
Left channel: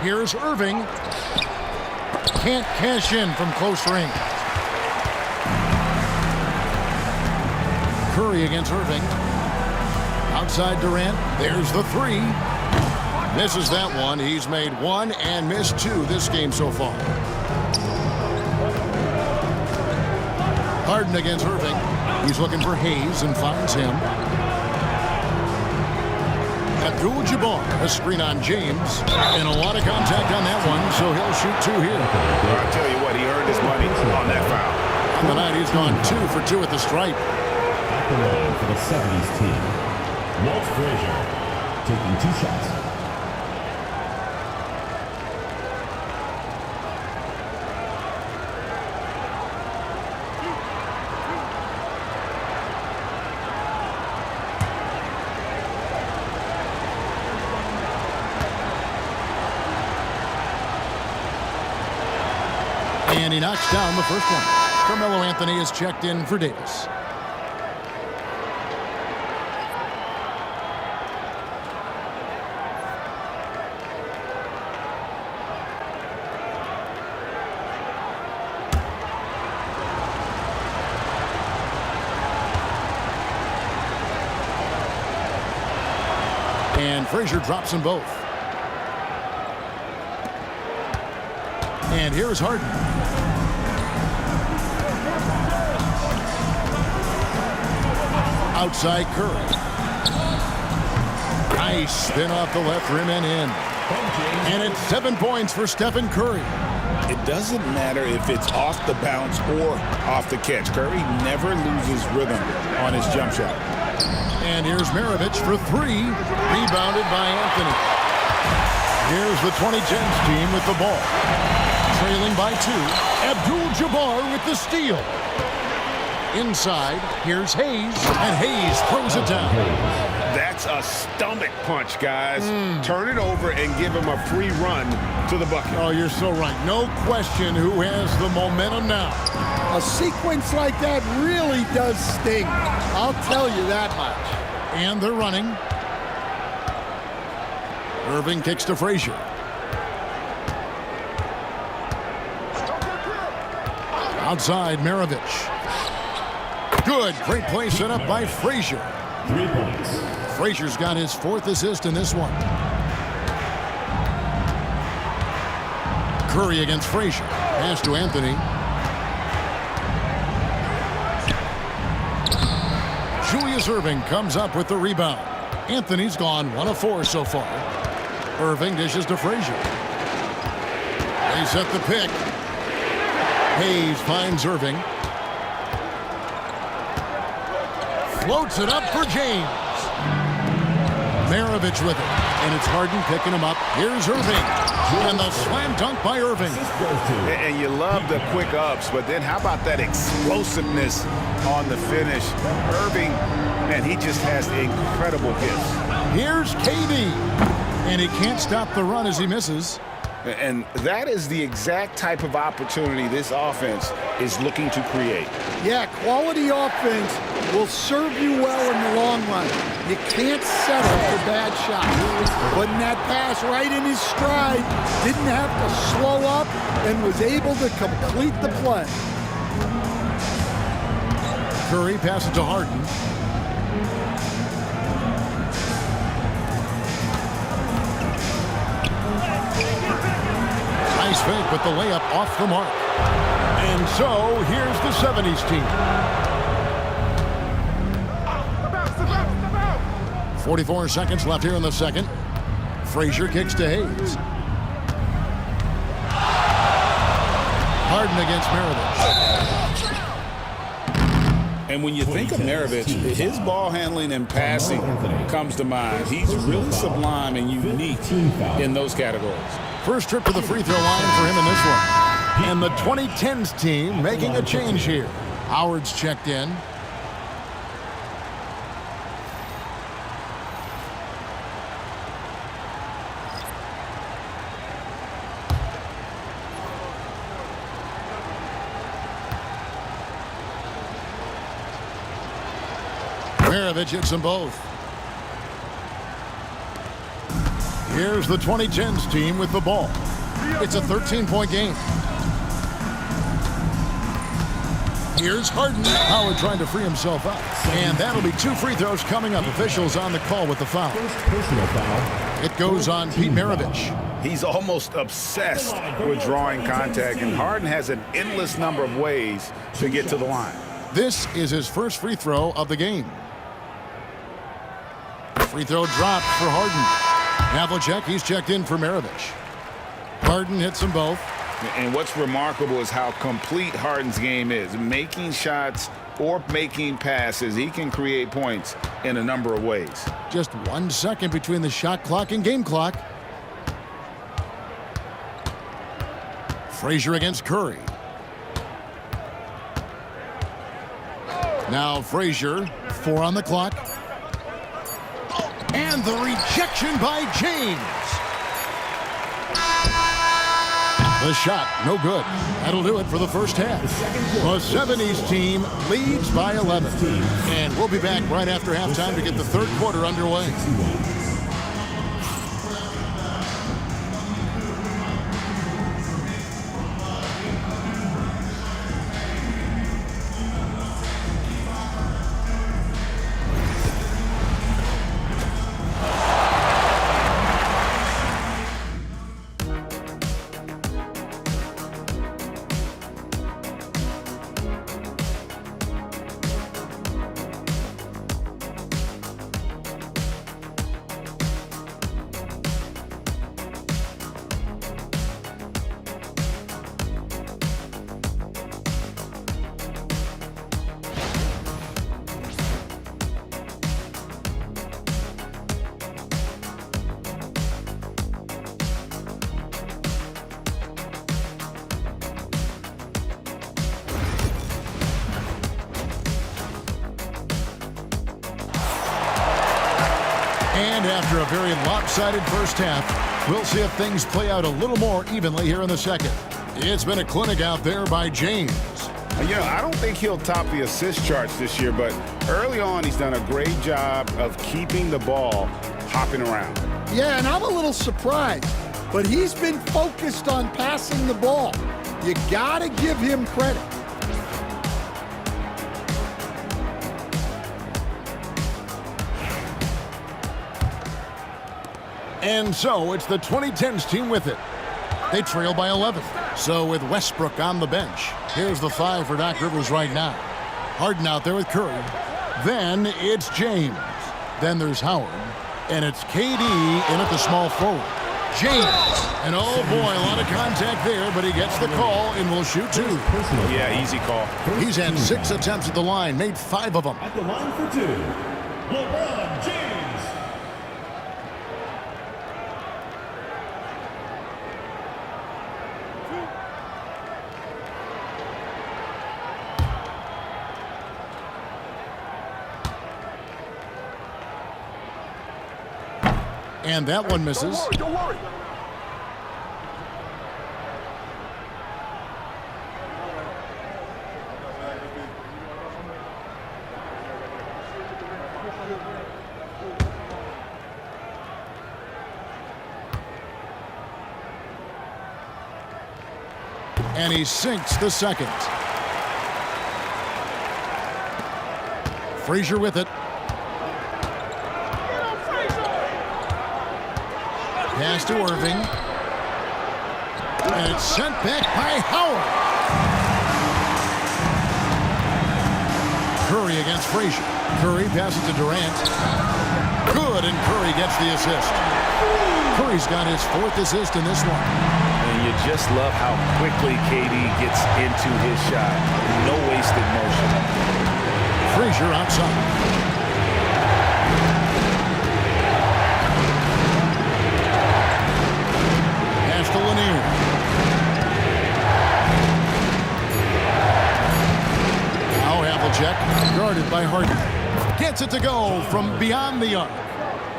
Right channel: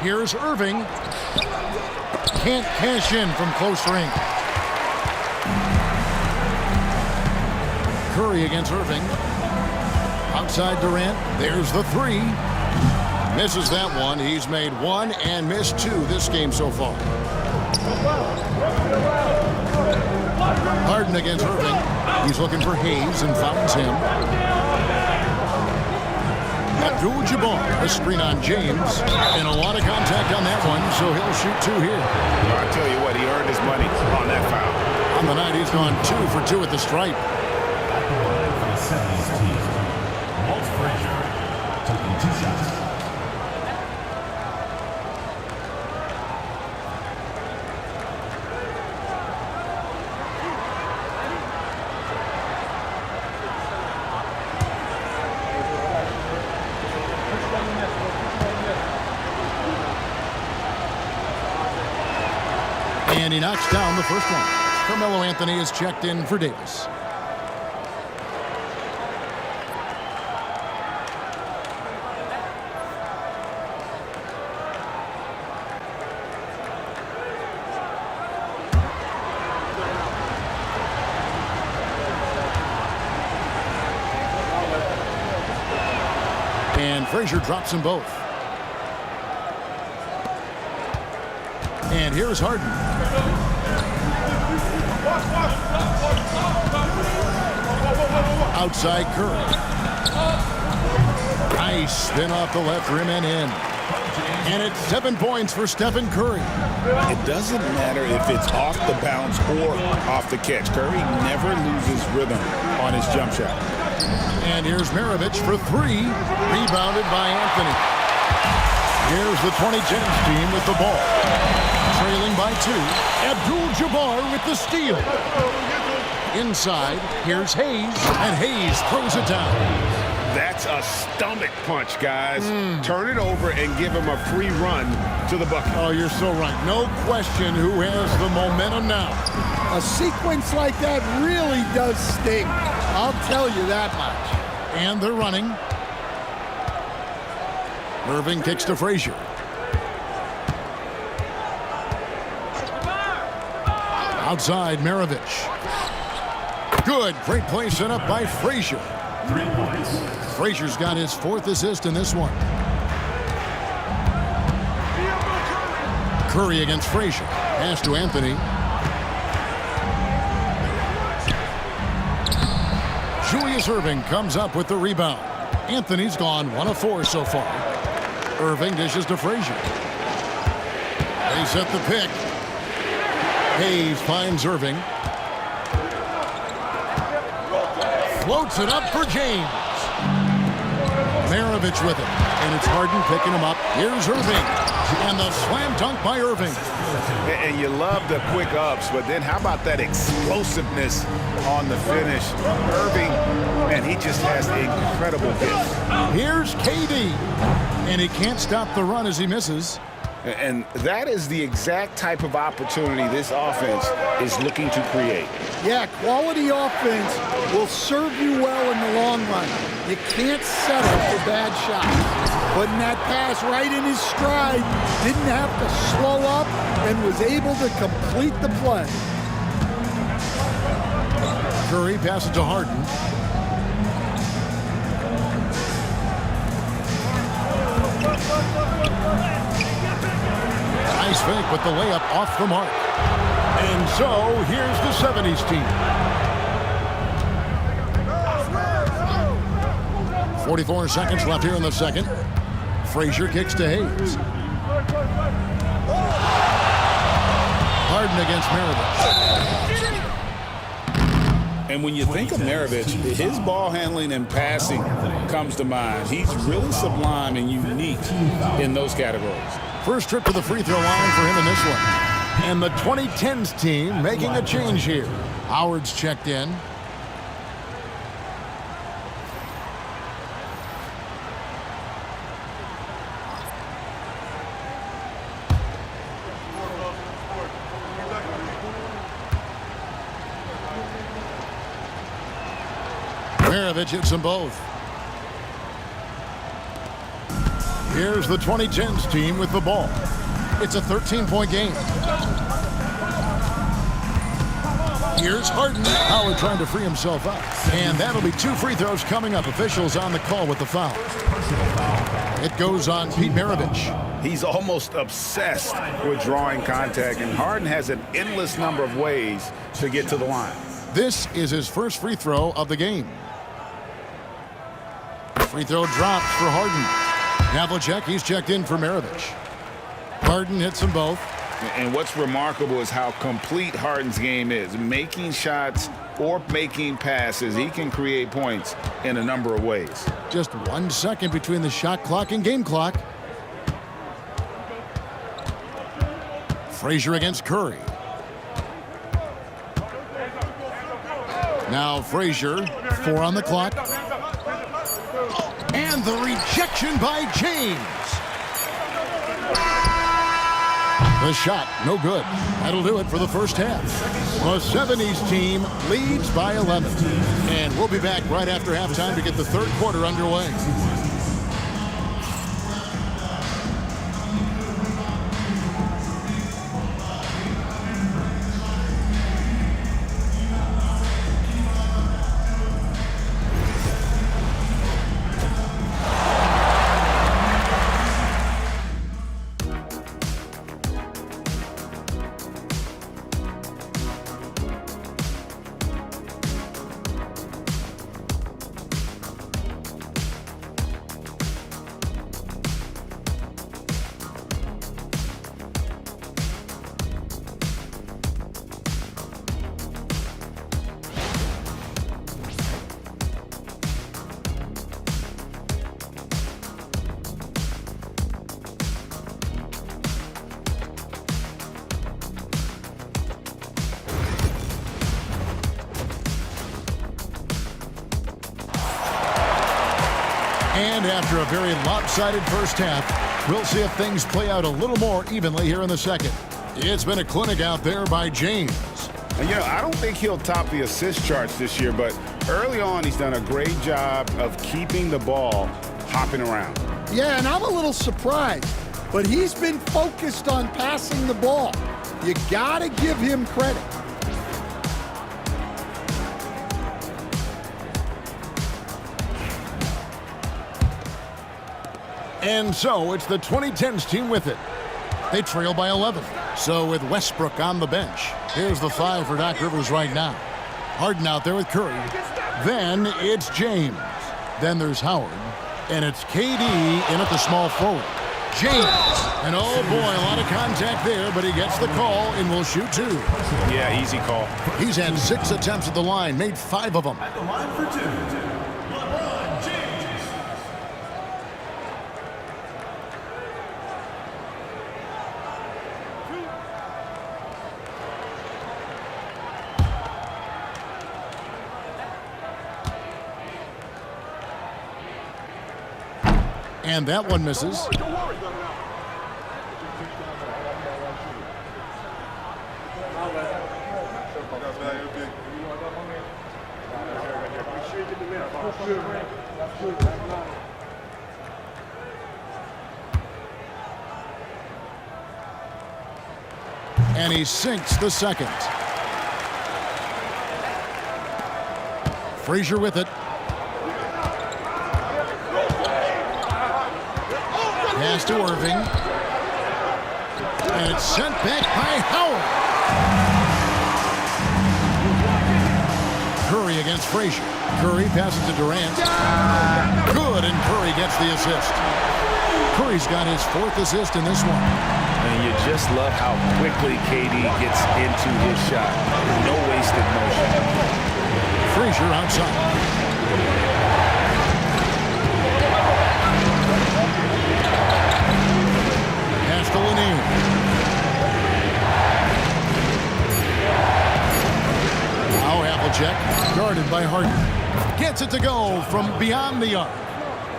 Here's Irving. Can't cash in from close range. Curry against Irving. Outside Durant. There's the 3. Misses that one. He's made 1 and missed 2 this game so far. Harden against Irving. He's looking for Hayes and finds him. Abdul-Jabbar, a screen on James. And a lot of contact on that one, so he'll shoot 2 here. Well, I'll tell you what, he earned his money on that foul. On the night, he's gone 2 for 2 at the stripe. At the line for the 70's team, Walt Frazier, taking 2 shots. And he knocks down the first one. Carmelo Anthony is checked in for Davis. And Frazier drops them both. And here's Harden. Outside Curry. Nice spin off the left rim and in. And it's 7 points for Stephen Curry. It doesn't matter if it's off the bounce or off the catch. Curry never loses rhythm on his jump shot. And here's Maravich for 3. Rebounded by Anthony. Here's the 2010's team with the ball. Trailing by 2. Abdul-Jabbar with the steal. Inside, here's Hayes, and Hayes throws it down. That's a stomach punch, guys. Turn it over and give him a free run to the bucket. Oh, you're so right. No question who has the momentum now. A sequence like that really does sting. I'll tell you that much. And they're running. Irving kicks to Frazier. Outside, Maravich. Good. Great play set up by Frazier. 3 points. Frazier's got his 4th assist in this one. Curry against Frazier. Pass to Anthony. Julius Irving comes up with the rebound. Anthony's gone 1 of 4 so far. Irving dishes to Frazier. They set the pick. Hayes finds Irving. Floats it up for James. Maravich with it. And it's Harden picking him up. Here's Irving. And the slam dunk by Irving. And you love the quick ups, but then how about that explosiveness on the finish? Irving, man, he just has incredible gifts. Here's KD. And he can't stop the run as he misses. And that is the exact type of opportunity this offense is looking to create. Yeah, quality offense will serve you well in the long run. You can't settle for bad shots. Putting that pass right in his stride, didn't have to slow up, and was able to complete the play. Curry passes to Harden. Nice fake, but the layup off the mark. And so, here's the 70's team. 44 seconds left here in the second. Frazier kicks to Hayes. Harden against Maravich. And when you think of Maravich, his ball handling and passing comes to mind. He's really sublime and unique in those categories. First trip to the free throw line for him in this one. And the 2010's team making a change here. Howard's checked in. Maravich hits them both. Here's the 2010's team with the ball. It's a 13-point game. Here's Harden. Howard trying to free himself up. And that'll be 2 free throws coming up. Officials on the call with the foul. Personal foul. It goes on Pete Maravich. He's almost obsessed with drawing contact, and Harden has an endless number of ways to get to the line. This is his first free throw of the game. Free throw drops for Harden. Havlicek, he's checked in for Maravich. Harden hits them both. And what's remarkable is how complete Harden's game is. Making shots or making passes, he can create points in a number of ways. Just 1 second between the shot clock and game clock. Frazier against Curry. Now Frazier, 4 on the clock. And the rejection by James. The shot, no good. That'll do it for the first half. The 70's team leads by 11. And we'll be back right after halftime to get the third quarter underway. And after a very lopsided first half, we'll see if things play out a little more evenly here in the second. It's been a clinic out there by James. You know, I don't think he'll top the assist charts this year, but early on he's done a great job of keeping the ball hopping around. Yeah, and I'm a little surprised, but he's been focused on passing the ball. You gotta give him credit. And so it's the 2010's team with it. They trail by 11. So with Westbrook on the bench, here's the 5 for Doc Rivers right now. Harden out there with Curry. Then it's James. Then there's Howard. And it's KD in at the small forward. James. And oh boy, a lot of contact there, but he gets the call and will shoot 2. Yeah, easy call. He's had 6 attempts at the line, made 5 of them. At the line for 2, LeBron James. And that one misses. Don't worry. And he sinks the second. Frazier with it. Pass to Irving. And it's sent back by Howard. Curry against Frazier. Curry passes to Durant. Good, and Curry gets the assist. Curry's got his 4th assist in this one. And you just love how quickly KD gets into his shot. No wasted motion. Frazier outside. Pass to Lanier. Now Havlicek, guarded by Harden. Gets it to go from beyond the arc.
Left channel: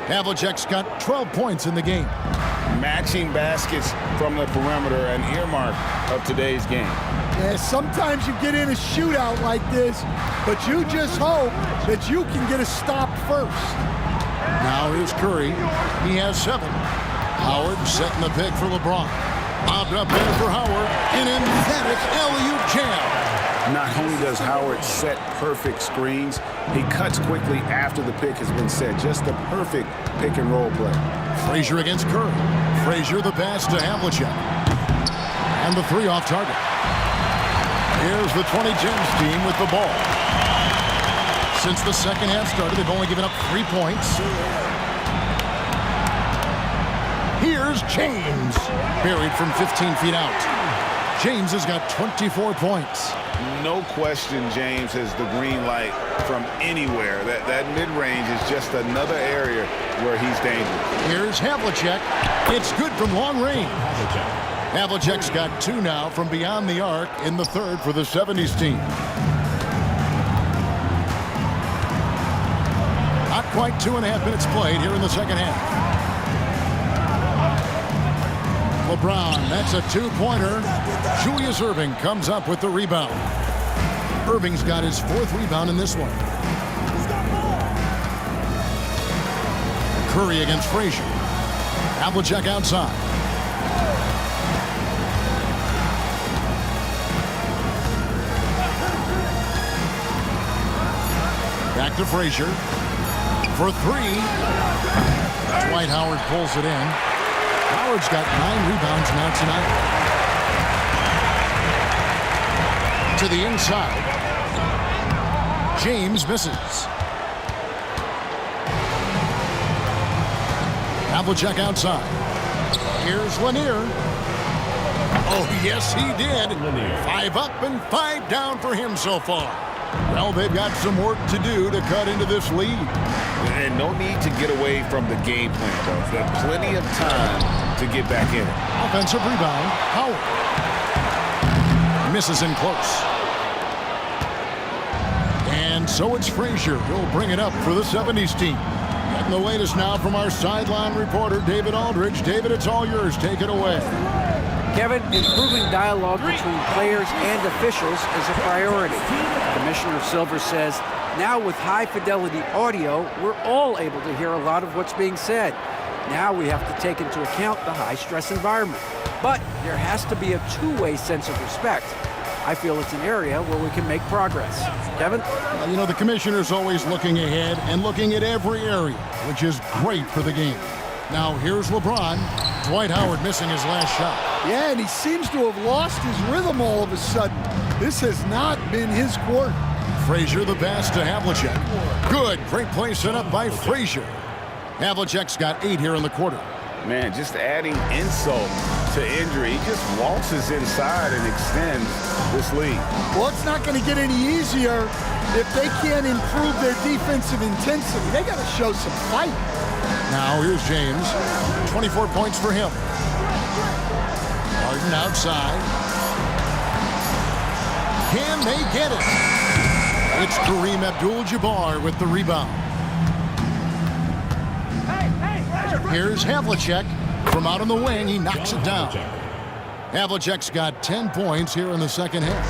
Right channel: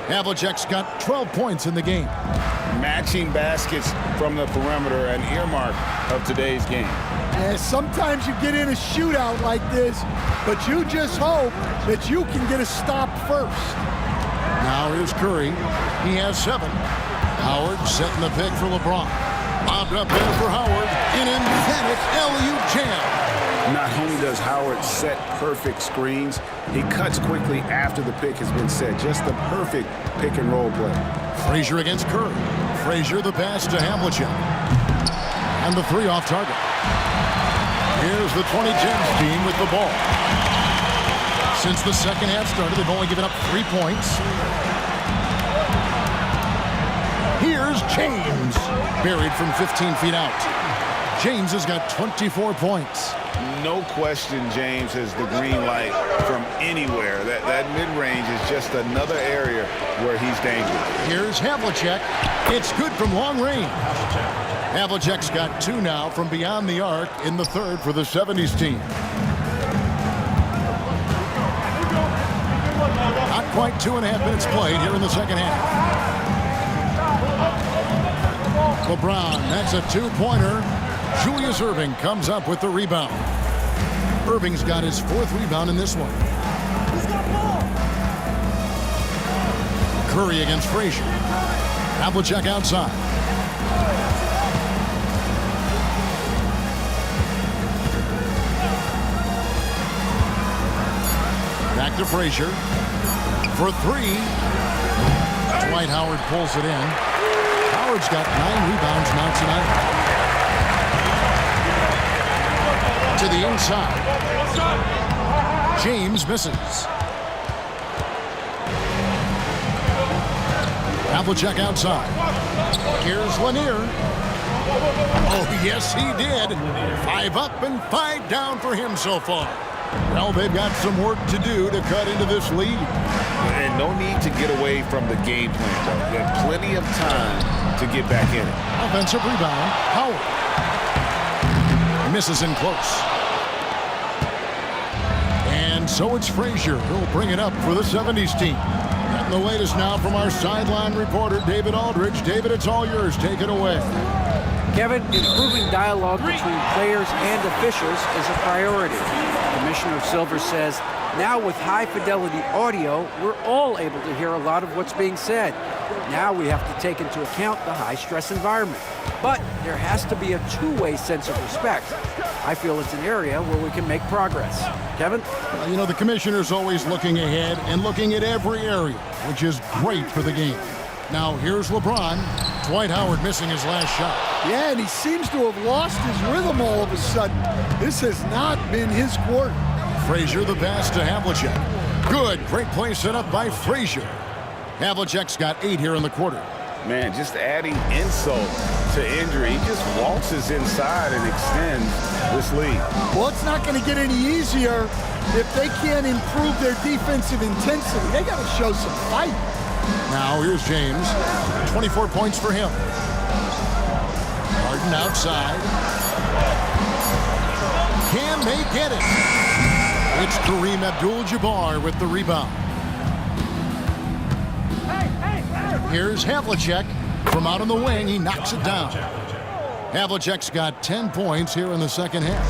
Havlicek's got 12 points in the game. Matching baskets from the perimeter, an earmark of today's game. Yeah, sometimes you get in a shootout like this, but you just hope that you can get a stop first. Now here's Curry. He has 7. Howard setting the pick for LeBron. Lobbed up there for Howard. An emphatic alley-oop jam. Not only does Howard set perfect screens, he cuts quickly after the pick has been set. Just the perfect pick and roll play. Frazier against Curry. Frazier the pass to Havlicek. And the 3 off target. Here's the 2010's team with the ball. Since the second half started, they've only given up 3 points. Here's James. Buried from 15 feet out. James has got 24 points. No question James has the green light from anywhere. That mid-range is just another area where he's dangerous. Here's Havlicek. It's good from long range. Havlicek's got 2 now from beyond the arc in the 3rd for the 70's team. Not quite 2.5 minutes played here in the second half. LeBron, that's a 2-pointer. Julius Irving comes up with the rebound. Irving's got his 4th rebound in this one. Curry against Frazier. Havlicek outside. Back to Frazier. For 3. Dwight Howard pulls it in. Howard's got 9 rebounds now tonight. To the inside. James misses. Havlicek outside. Here's Lanier. Oh, yes, he did. 5 up and 5 down for him so far. Well, they've got some work to do to cut into this lead. And no need to get away from the game plan, though. You've got plenty of time to get back in it. Offensive rebound, Howard. Misses in close. And so it's Frazier who'll bring it up for the 70's team. Getting the latest now from our sideline reporter, David Aldridge. David, it's all yours. Take it away. Kevin, improving dialogue between players and officials is a priority. Commissioner Silver says, now with high-fidelity audio, we're all able to hear a lot of what's being said. Now we have to take into account the high-stress environment. But there has to be a two-way sense of respect. I feel it's an area where we can make progress. Kevin? Well, you know, the commissioner's always looking ahead and looking at every area, which is great for the game. Now, here's LeBron. Dwight Howard missing his last shot. Yeah, and he seems to have lost his rhythm all of a sudden. This has not been his court. Frazier the pass to Havlicek. Good, great play set up by Frazier. Havlicek's got 8 here in the quarter. Man, just adding insult to injury. He just waltzes inside and extends this lead. Well, it's not going to get any easier if they can't improve their defensive intensity. They got to show some fight. Now here's James. 24 points for him. Harden outside. Can they get it? It's Kareem Abdul-Jabbar with the rebound. Here's Havlicek from out on the wing. He knocks it down. Havlicek's got 10 points here in the second half.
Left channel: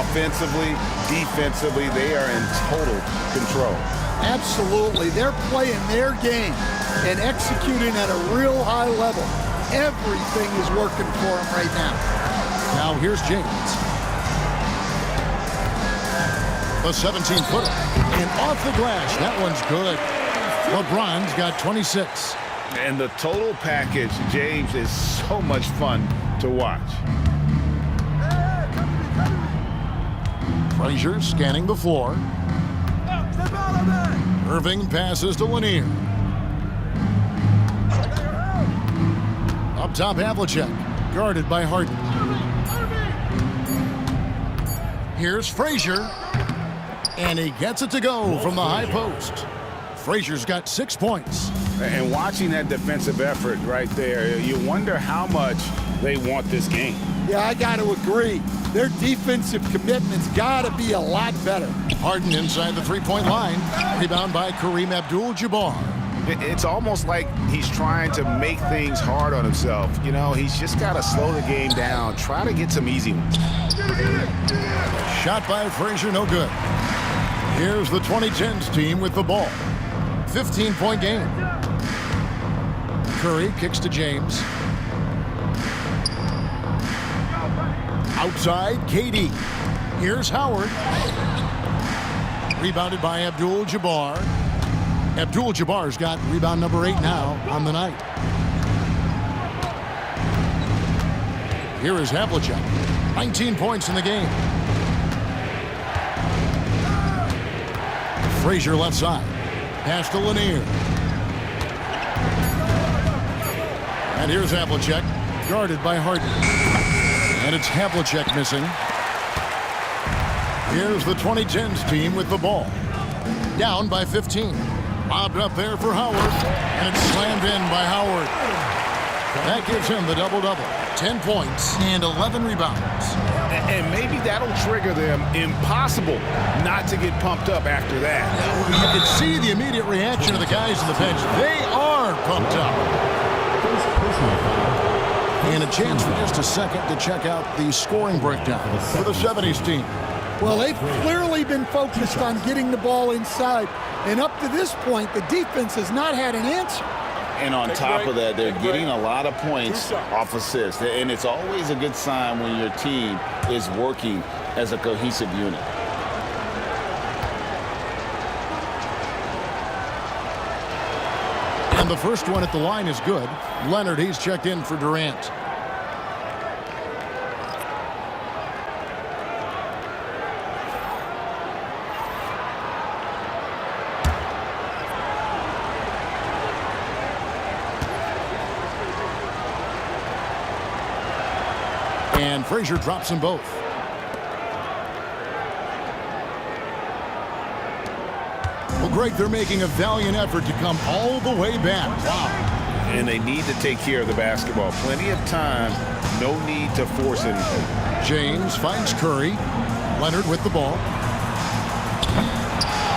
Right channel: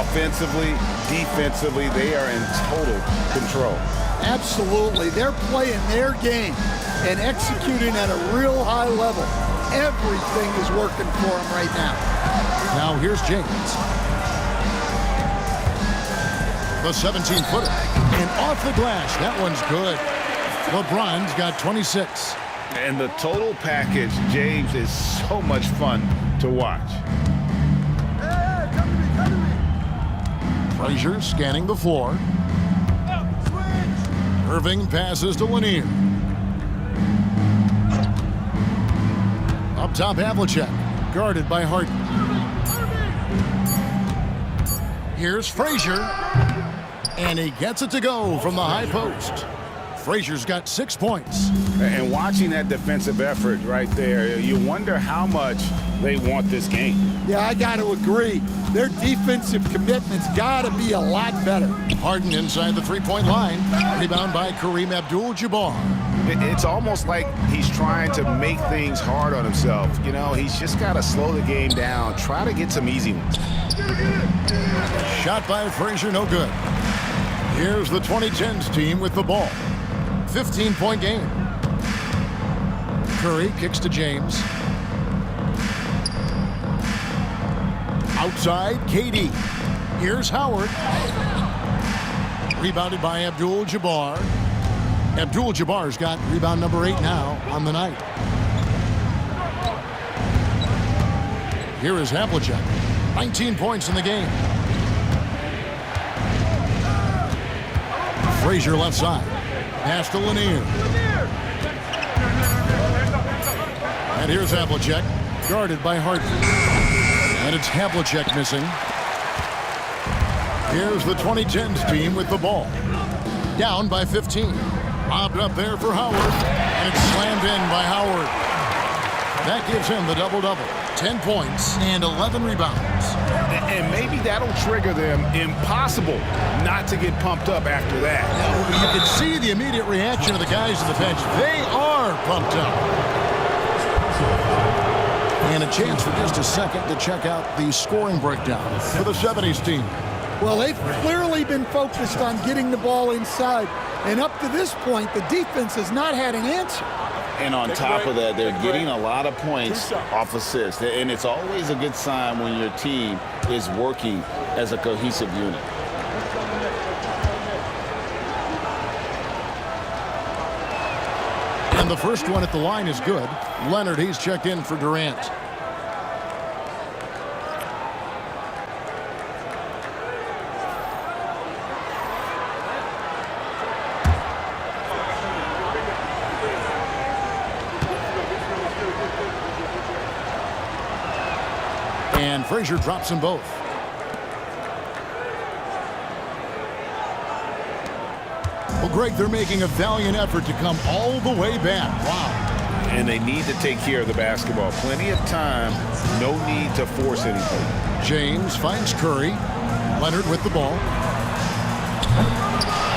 Offensively, defensively, they are in total control. Absolutely. They're playing their game and executing at a real high level. Everything is working for them right now. Now here's James. The 17-footer. And off the glass. That one's good. LeBron's got 26. And the total package, James, is so much fun to watch. Frazier scanning the floor. Irving passes to Lanier. Up top, Havlicek, guarded by Harden. Here's Frazier, and he gets it to go from the high post. Frazier's got 6 points. And watching that defensive effort right there, you wonder how much they want this game. Yeah, I got to agree. Their defensive commitment's got to be a lot better. Harden inside the three-point line. Rebound by Kareem Abdul-Jabbar. It's almost like he's trying to make things hard on himself. You know, he's just got to slow the game down, try to get some easy ones. Shot by Frazier, no good. Here's the 2010's team with the ball. 15-point game. Curry kicks to James. Outside, KD. Here's Howard. Rebounded by Abdul-Jabbar. Abdul-Jabbar's got rebound number 8 now on the night. Here is Havlicek. 19 points in the game. Frazier left side. Pass to Lanier. And here's Havlicek, guarded by Harden. And it's Havlicek missing. Here's the 2010's team with the ball. Down by 15. Lobbed up there for Howard. And it's slammed in by Howard. That gives him the double-double. 10 points and 11 rebounds. And maybe that'll trigger them. Impossible not to get pumped up after that. You can see the immediate reaction of the guys on the bench. They are pumped up. And a chance for just a second to check out the scoring breakdown for the 70's team. Well, they've clearly been focused on getting the ball inside. And up to this point, the defense has not had an answer. And on top of that, they're getting a lot of points off assists. And it's always a good sign when your team is working as a cohesive unit. And the first one at the line is good. Leonard, he's checked in for Durant. And Frazier drops them both. Well, Greg, they're making a valiant effort to come all the way back. Wow. And they need to take care of the basketball. Plenty of time. No need to force anything. James finds Curry. Leonard with the ball.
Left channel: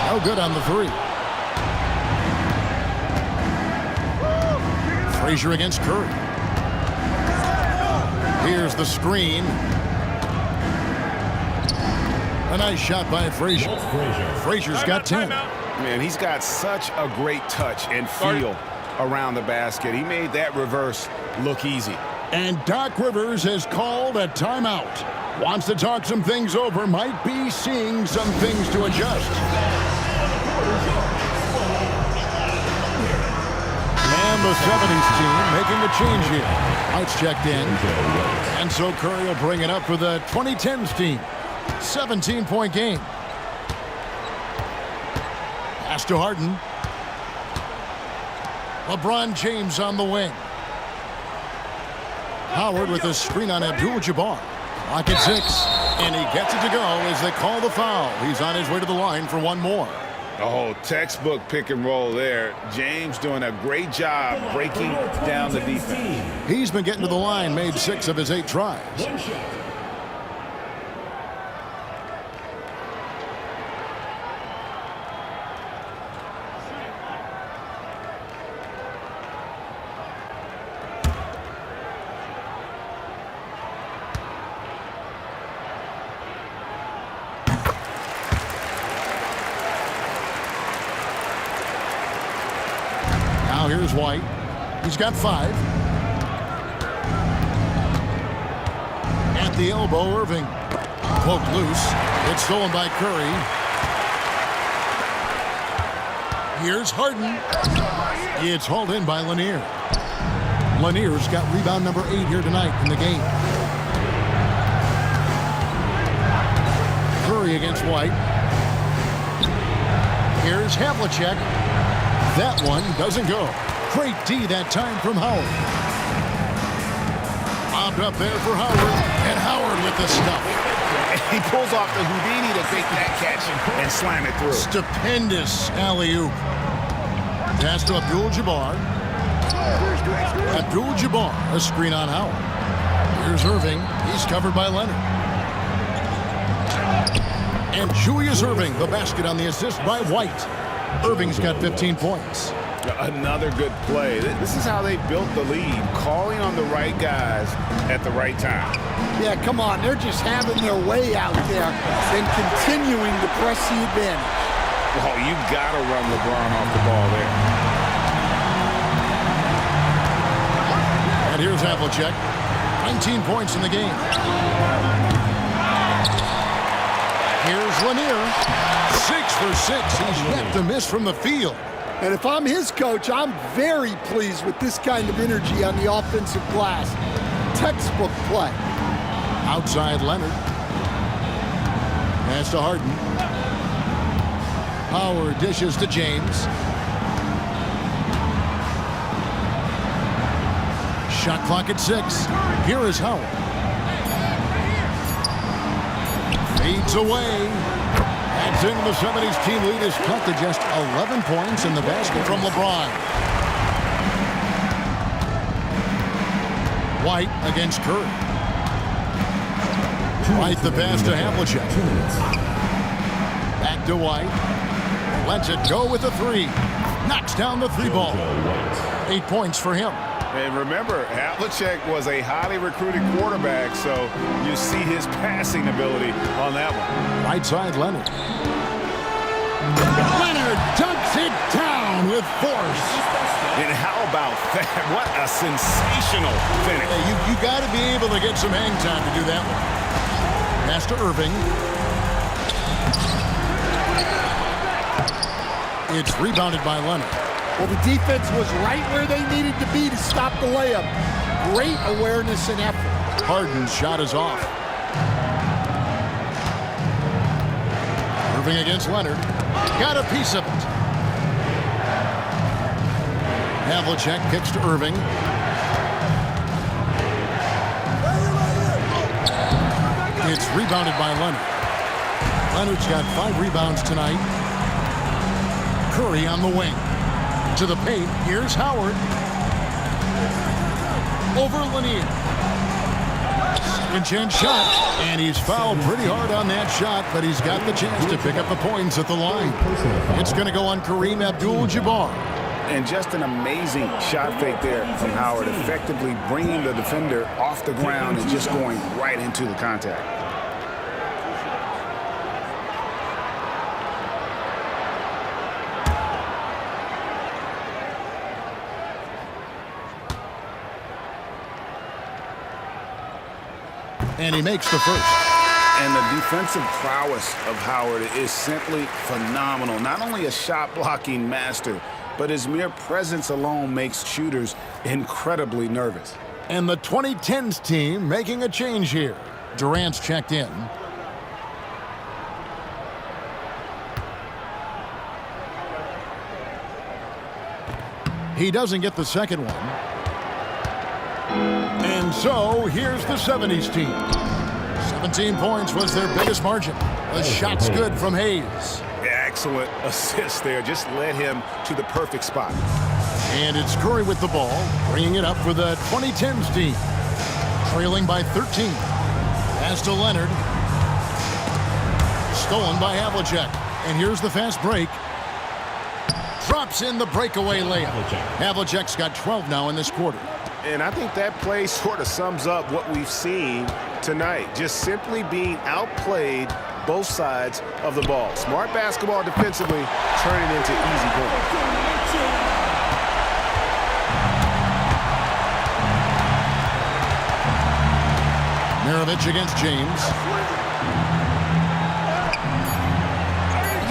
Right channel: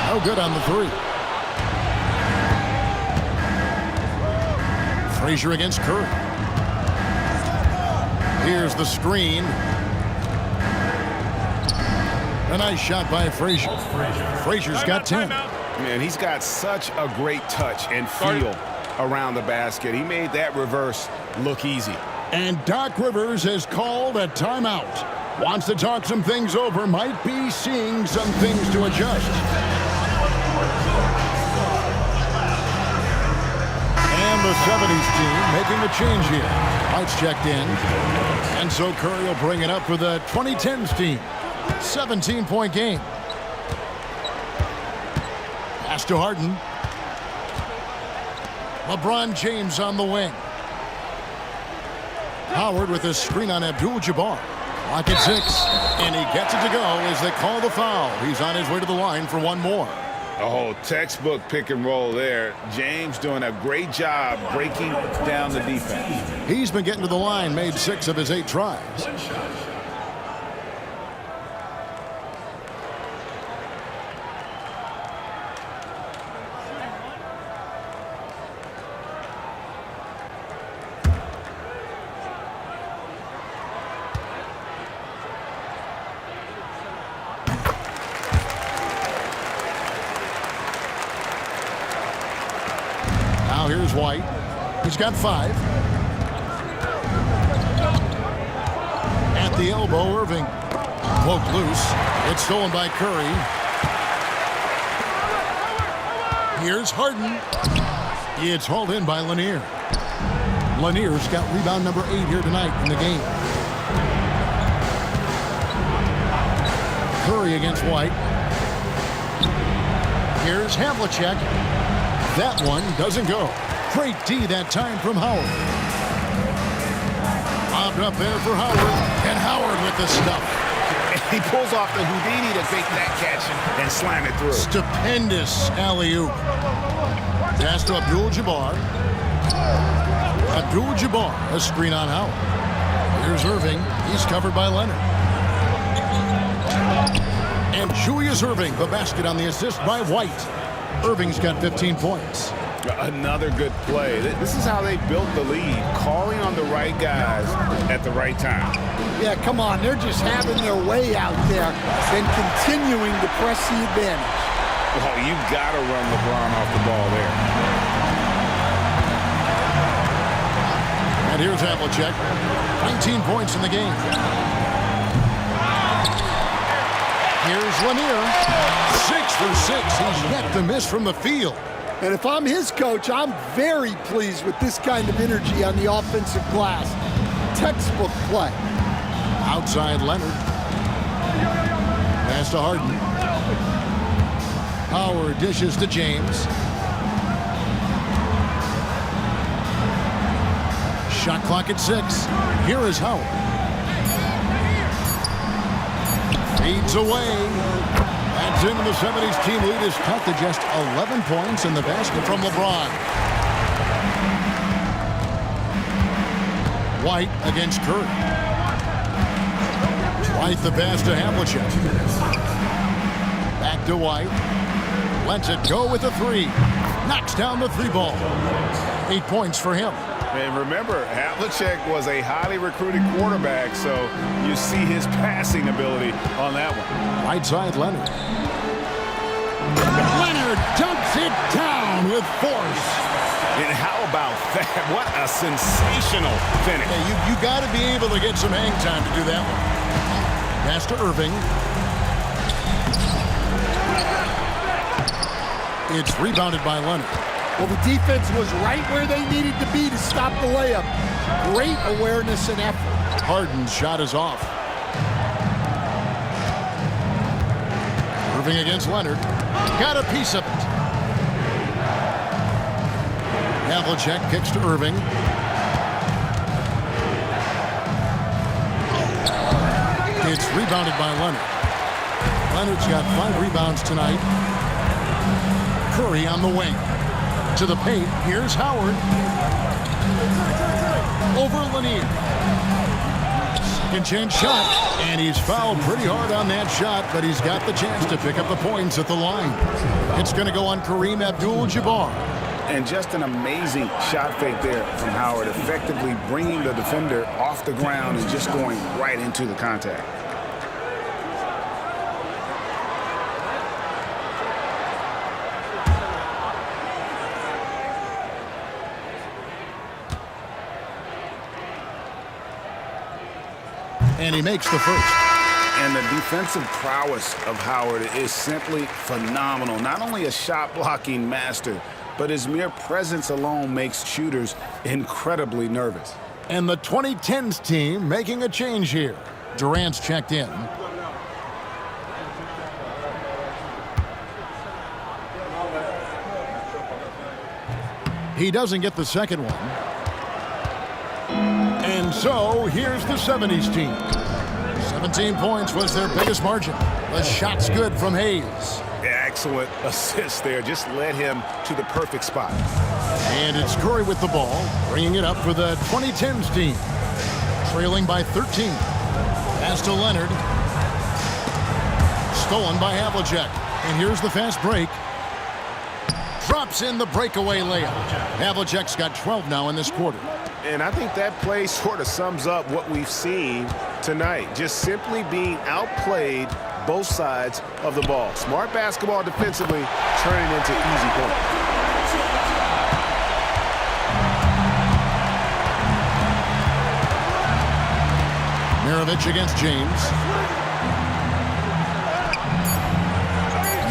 No good on the three. Frazier against Curry. Here's the screen. A nice shot by Frazier. Frazier's got 10. Man, he's got such a great touch and feel around the basket. He made that reverse look easy. And Doc Rivers has called a timeout. Wants to talk some things over. Might be seeing some things to adjust. And the 70's team making a change here. Lights checked in. And so Curry will bring it up for the 2010's team. 17-point game. Pass to Harden. LeBron James on the wing. Howard with a screen on Abdul-Jabbar. Clock at 6, and he gets it to go as they call the foul. He's on his way to the line for one more. Oh, textbook pick and roll there. James doing a great job breaking down the defense. He's been getting to the line, made 6 of his 8 tries. One shot. Now here's White. He's got 5. At the elbow, Irving. Poked loose. It's stolen by Curry. Here's Harden. It's hauled in by Lanier. Lanier's got rebound number 8 here tonight in the game. Curry against White. Here's Havlicek. That one doesn't go. Great D that time from Howard. Bobbed up there for Howard. And Howard with the stuff. He pulls off the Houdini to take that catch and slam it through. Stupendous alley-oop. Pass to Abdul-Jabbar. Abdul-Jabbar, a screen on Howard. Here's Irving. He's covered by Leonard. And Julius Irving, the basket on the assist by White. Irving's got 15 points. Another good play. This is how they built the lead, calling on the right guys at the right time. Yeah, come on. They're just having their way out there and continuing to press the advantage. Oh, you got to run LeBron off the ball there. And here's Havlicek. 19 points in the game. Here's Lanier. 6 for 6. He's yet to miss from the field. And if I'm his coach, I'm very pleased with this kind of energy on the offensive glass. Textbook play. Outside Leonard. Pass to Harden. Howard dishes to James. Shot clock at 6. Here is Howard. Fades away. Adds into the 70's team lead is cut to just 11 points in the basket from LeBron. White against Curry. White the pass to Havlicek. Back to White. Lets it go with a 3. Knocks down the 3 ball. 8 points for him. And remember, Havlicek was a highly recruited quarterback, so you see his passing ability on that one. Right side, Leonard. Leonard dunks it down with force. And how about that? What a sensational finish. Hey, you got to be able to get some hang time to do that one. Pass to Irving. It's rebounded by Leonard. Well, the defense was right where they needed to be to stop the layup. Great awareness and effort. Harden's shot is off. Irving against Leonard. Got a piece of it. Havlicek kicks to Irving. It's rebounded by Leonard. Leonard's got 5 rebounds tonight. Curry on the wing. To the paint, here's Howard. Over Lanier. Second chance shot, and he's fouled pretty hard on that shot, but he's got the chance to pick up the points at the line. It's going to go on Kareem Abdul-Jabbar. And just an amazing shot fake there from Howard, effectively bringing the defender off the ground and just going right into the contact. And he makes the first. And the defensive prowess of Howard is simply phenomenal. Not only a shot-blocking master, but his mere presence alone makes shooters incredibly nervous. And the 2010's team making a change here. Durant's checked in. He doesn't get the second one. And And so here's the 70s team. 17 points was their biggest margin. The shot's good from Hayes. Excellent assist there. Just led him to the perfect spot. And it's Curry with the ball, bringing it up for the 2010's team. Trailing by 13. Pass to Leonard. Stolen by Havlicek. And here's the fast break. Drops in the breakaway layup. Havlicek's got 12 now in this quarter. And I think that play sort of sums up what we've seen tonight. Just simply being outplayed both sides of the ball. Smart basketball defensively, turning into easy points. Maravich against James.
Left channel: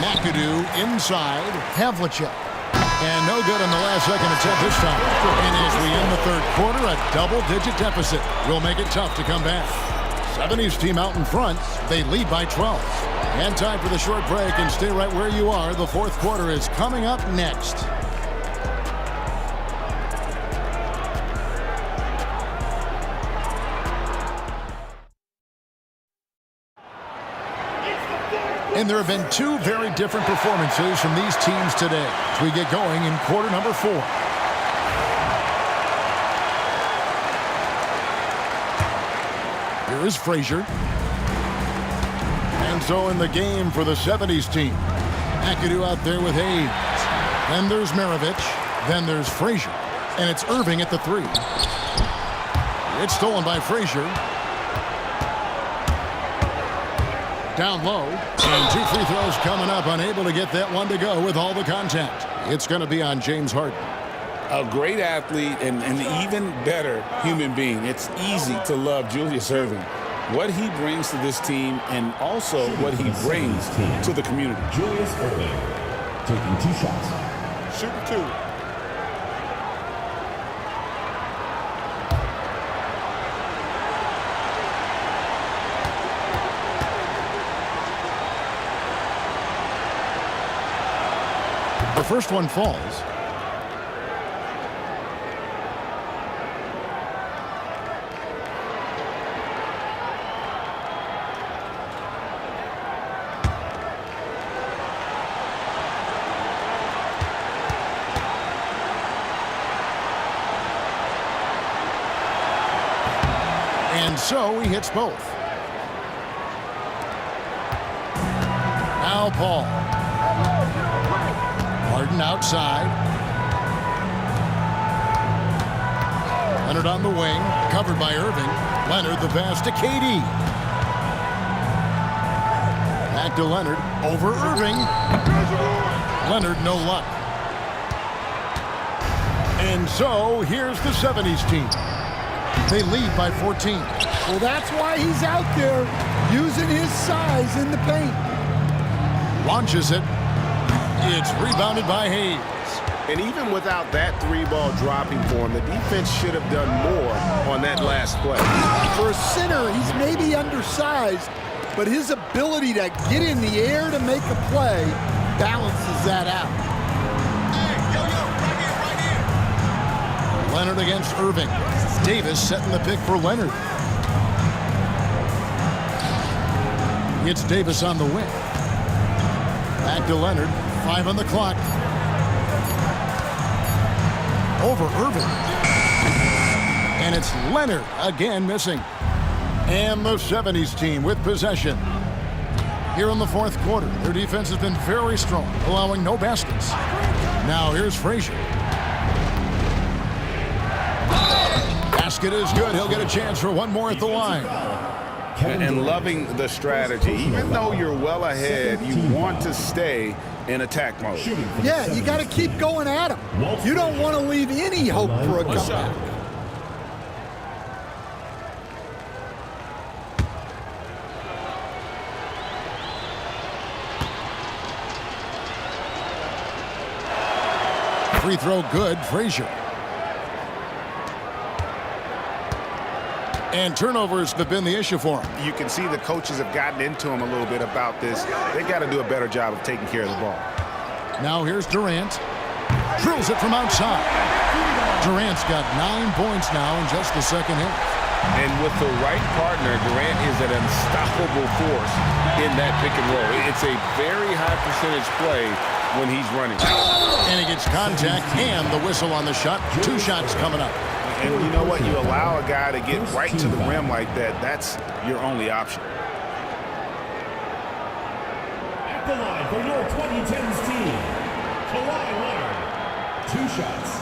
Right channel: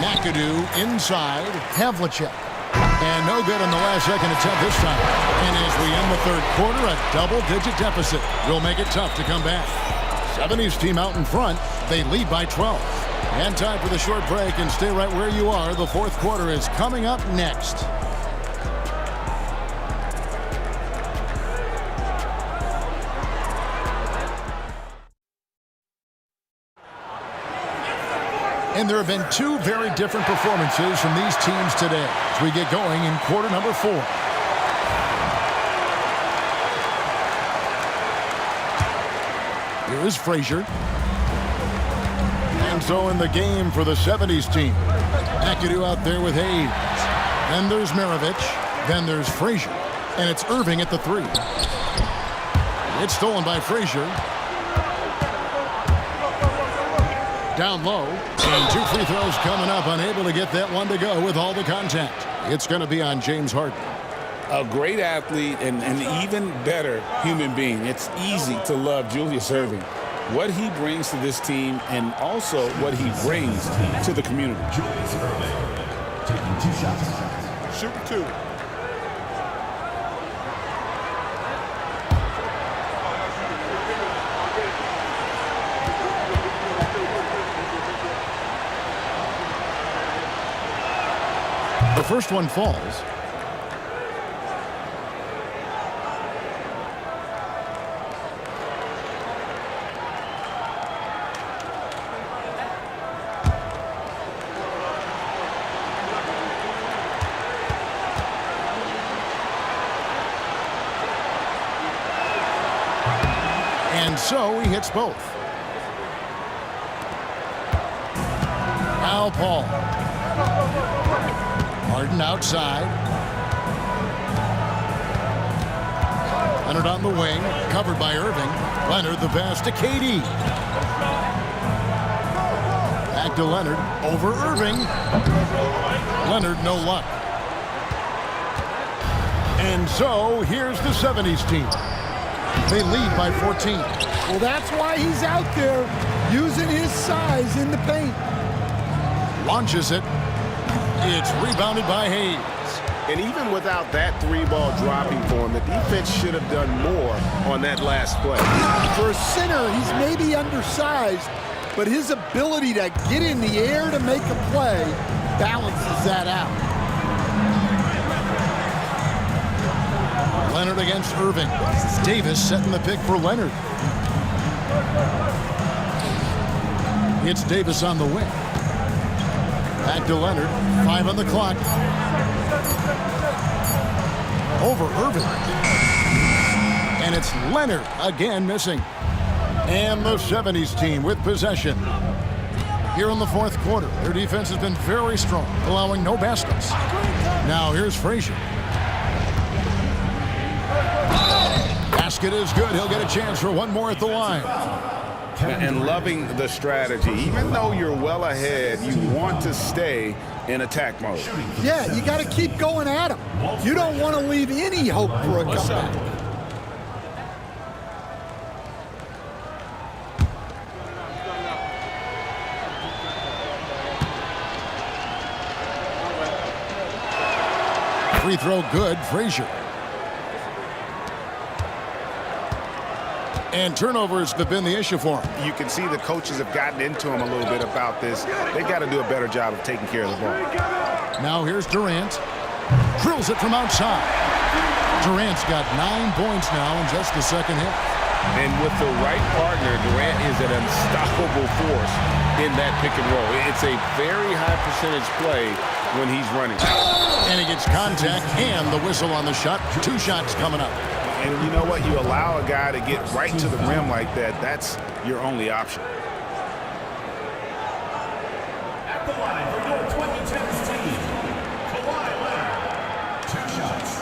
McAdoo inside. Havlicek. And no good on the last second attempt this time. And as we end the third quarter, a double-digit deficit will make it tough to come back. 70s team out in front. They lead by 12. And time for the short break, and stay right where you are. The fourth quarter is coming up next. And there have been two very different performances from these teams today as we get going in quarter number 4. Here is Frazier. And so in the game for the 70s team, McAdoo out there with Hayes. Then there's Maravich. Then there's Frazier. And it's Irving at the 3. It's stolen by Frazier. Down low, and 2 free throws coming up, unable to get that one to go with all the contact. It's going to be on James Harden. A great athlete and an even better human being. It's easy to love Julius Irving. What he brings to this team and also what he brings to the community. Julius Irving taking 2 shots. Shooting 2. The first one falls. And so he hits both. Now Paul. Harden outside. Leonard on the wing, covered by Irving. Leonard the pass to KD. Back to Leonard, over Irving. Leonard no luck. And so here's the 70s team. They lead by 14. Well, that's why he's out there using his size in the paint. Launches it. It's rebounded by Hayes. And even without that 3-ball dropping for him, the defense should have done more on that last play. For a center, he's maybe undersized, but his ability to get in the air to make a play balances that out. Leonard against Irving. Davis setting the pick for Leonard. It's Davis on the wing. Back to Leonard. 5 on the clock. Over Irving. And it's Leonard again missing. And the 70s team with possession. Here in the fourth quarter, their defense has been very strong, allowing no baskets. Now here's Frazier. Basket is good. He'll get a chance for one more at the line. And loving the strategy. Even though you're well ahead, you want to stay in attack mode. Yeah, you got to keep going at him. You don't want to leave any hope for a comeback. Free throw good, Frazier. And turnovers have been the issue for him. You can see the coaches have gotten into him a little bit about this. They've got to do a better job of taking care of the ball. Now here's Durant. Drills it from outside. Durant's got 9 points now in just the second half. And with the right partner, Durant is an unstoppable force in that pick and roll. It's a very high percentage play when he's running. And he gets contact and the whistle on the shot. 2 shots coming up. And you know what? You allow a guy to get right to the rim like that, that's your only option. At the line for your 2010's team, Kawhi Leonard. 2 shots.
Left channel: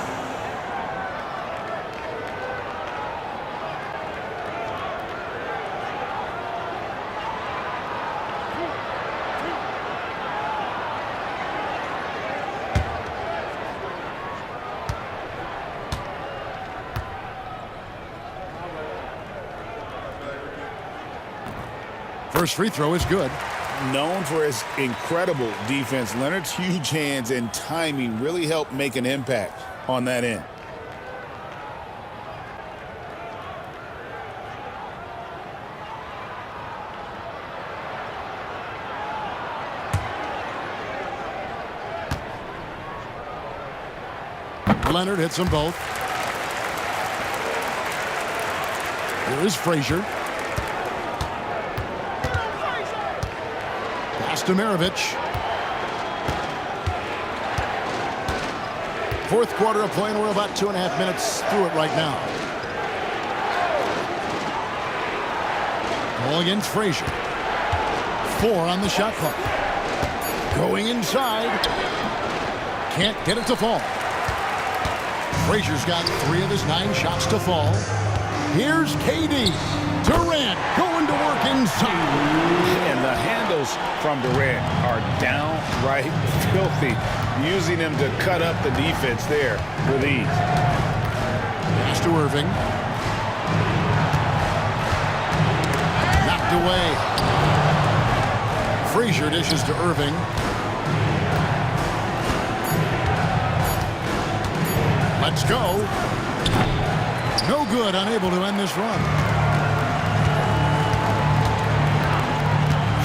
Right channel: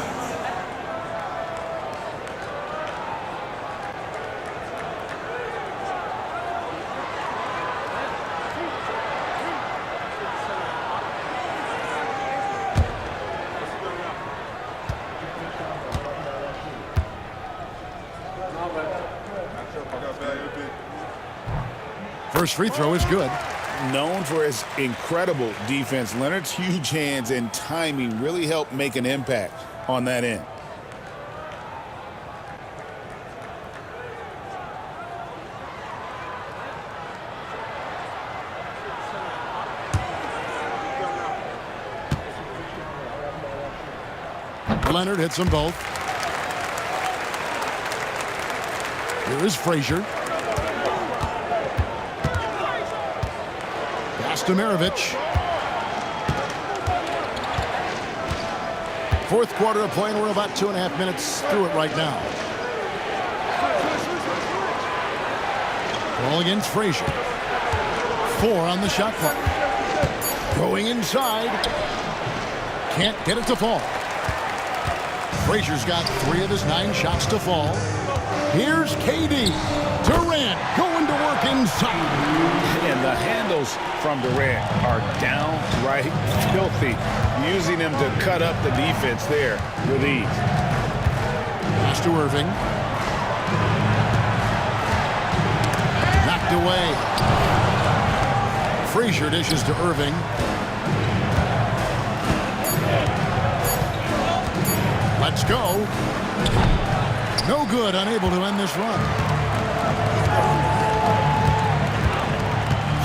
First free throw is good. Known for his incredible defense, Leonard's huge hands and timing really helped make an impact on that end. Leonard hits them both. Here is Frazier. Pass to Maravich. Fourth quarter of play, and we're about 2.5 minutes through it right now. Ball against Frazier. 4 on the shot clock. Going inside. Can't get it to fall. Frazier's got 3 of his 9 shots to fall. Here's KD. Durant going to work inside. And the handles from Durant are downright filthy, using him to cut up the defense there with ease. Pass to Irving. Knocked away. Frazier dishes to Irving. Let's go. No good, unable to end this run.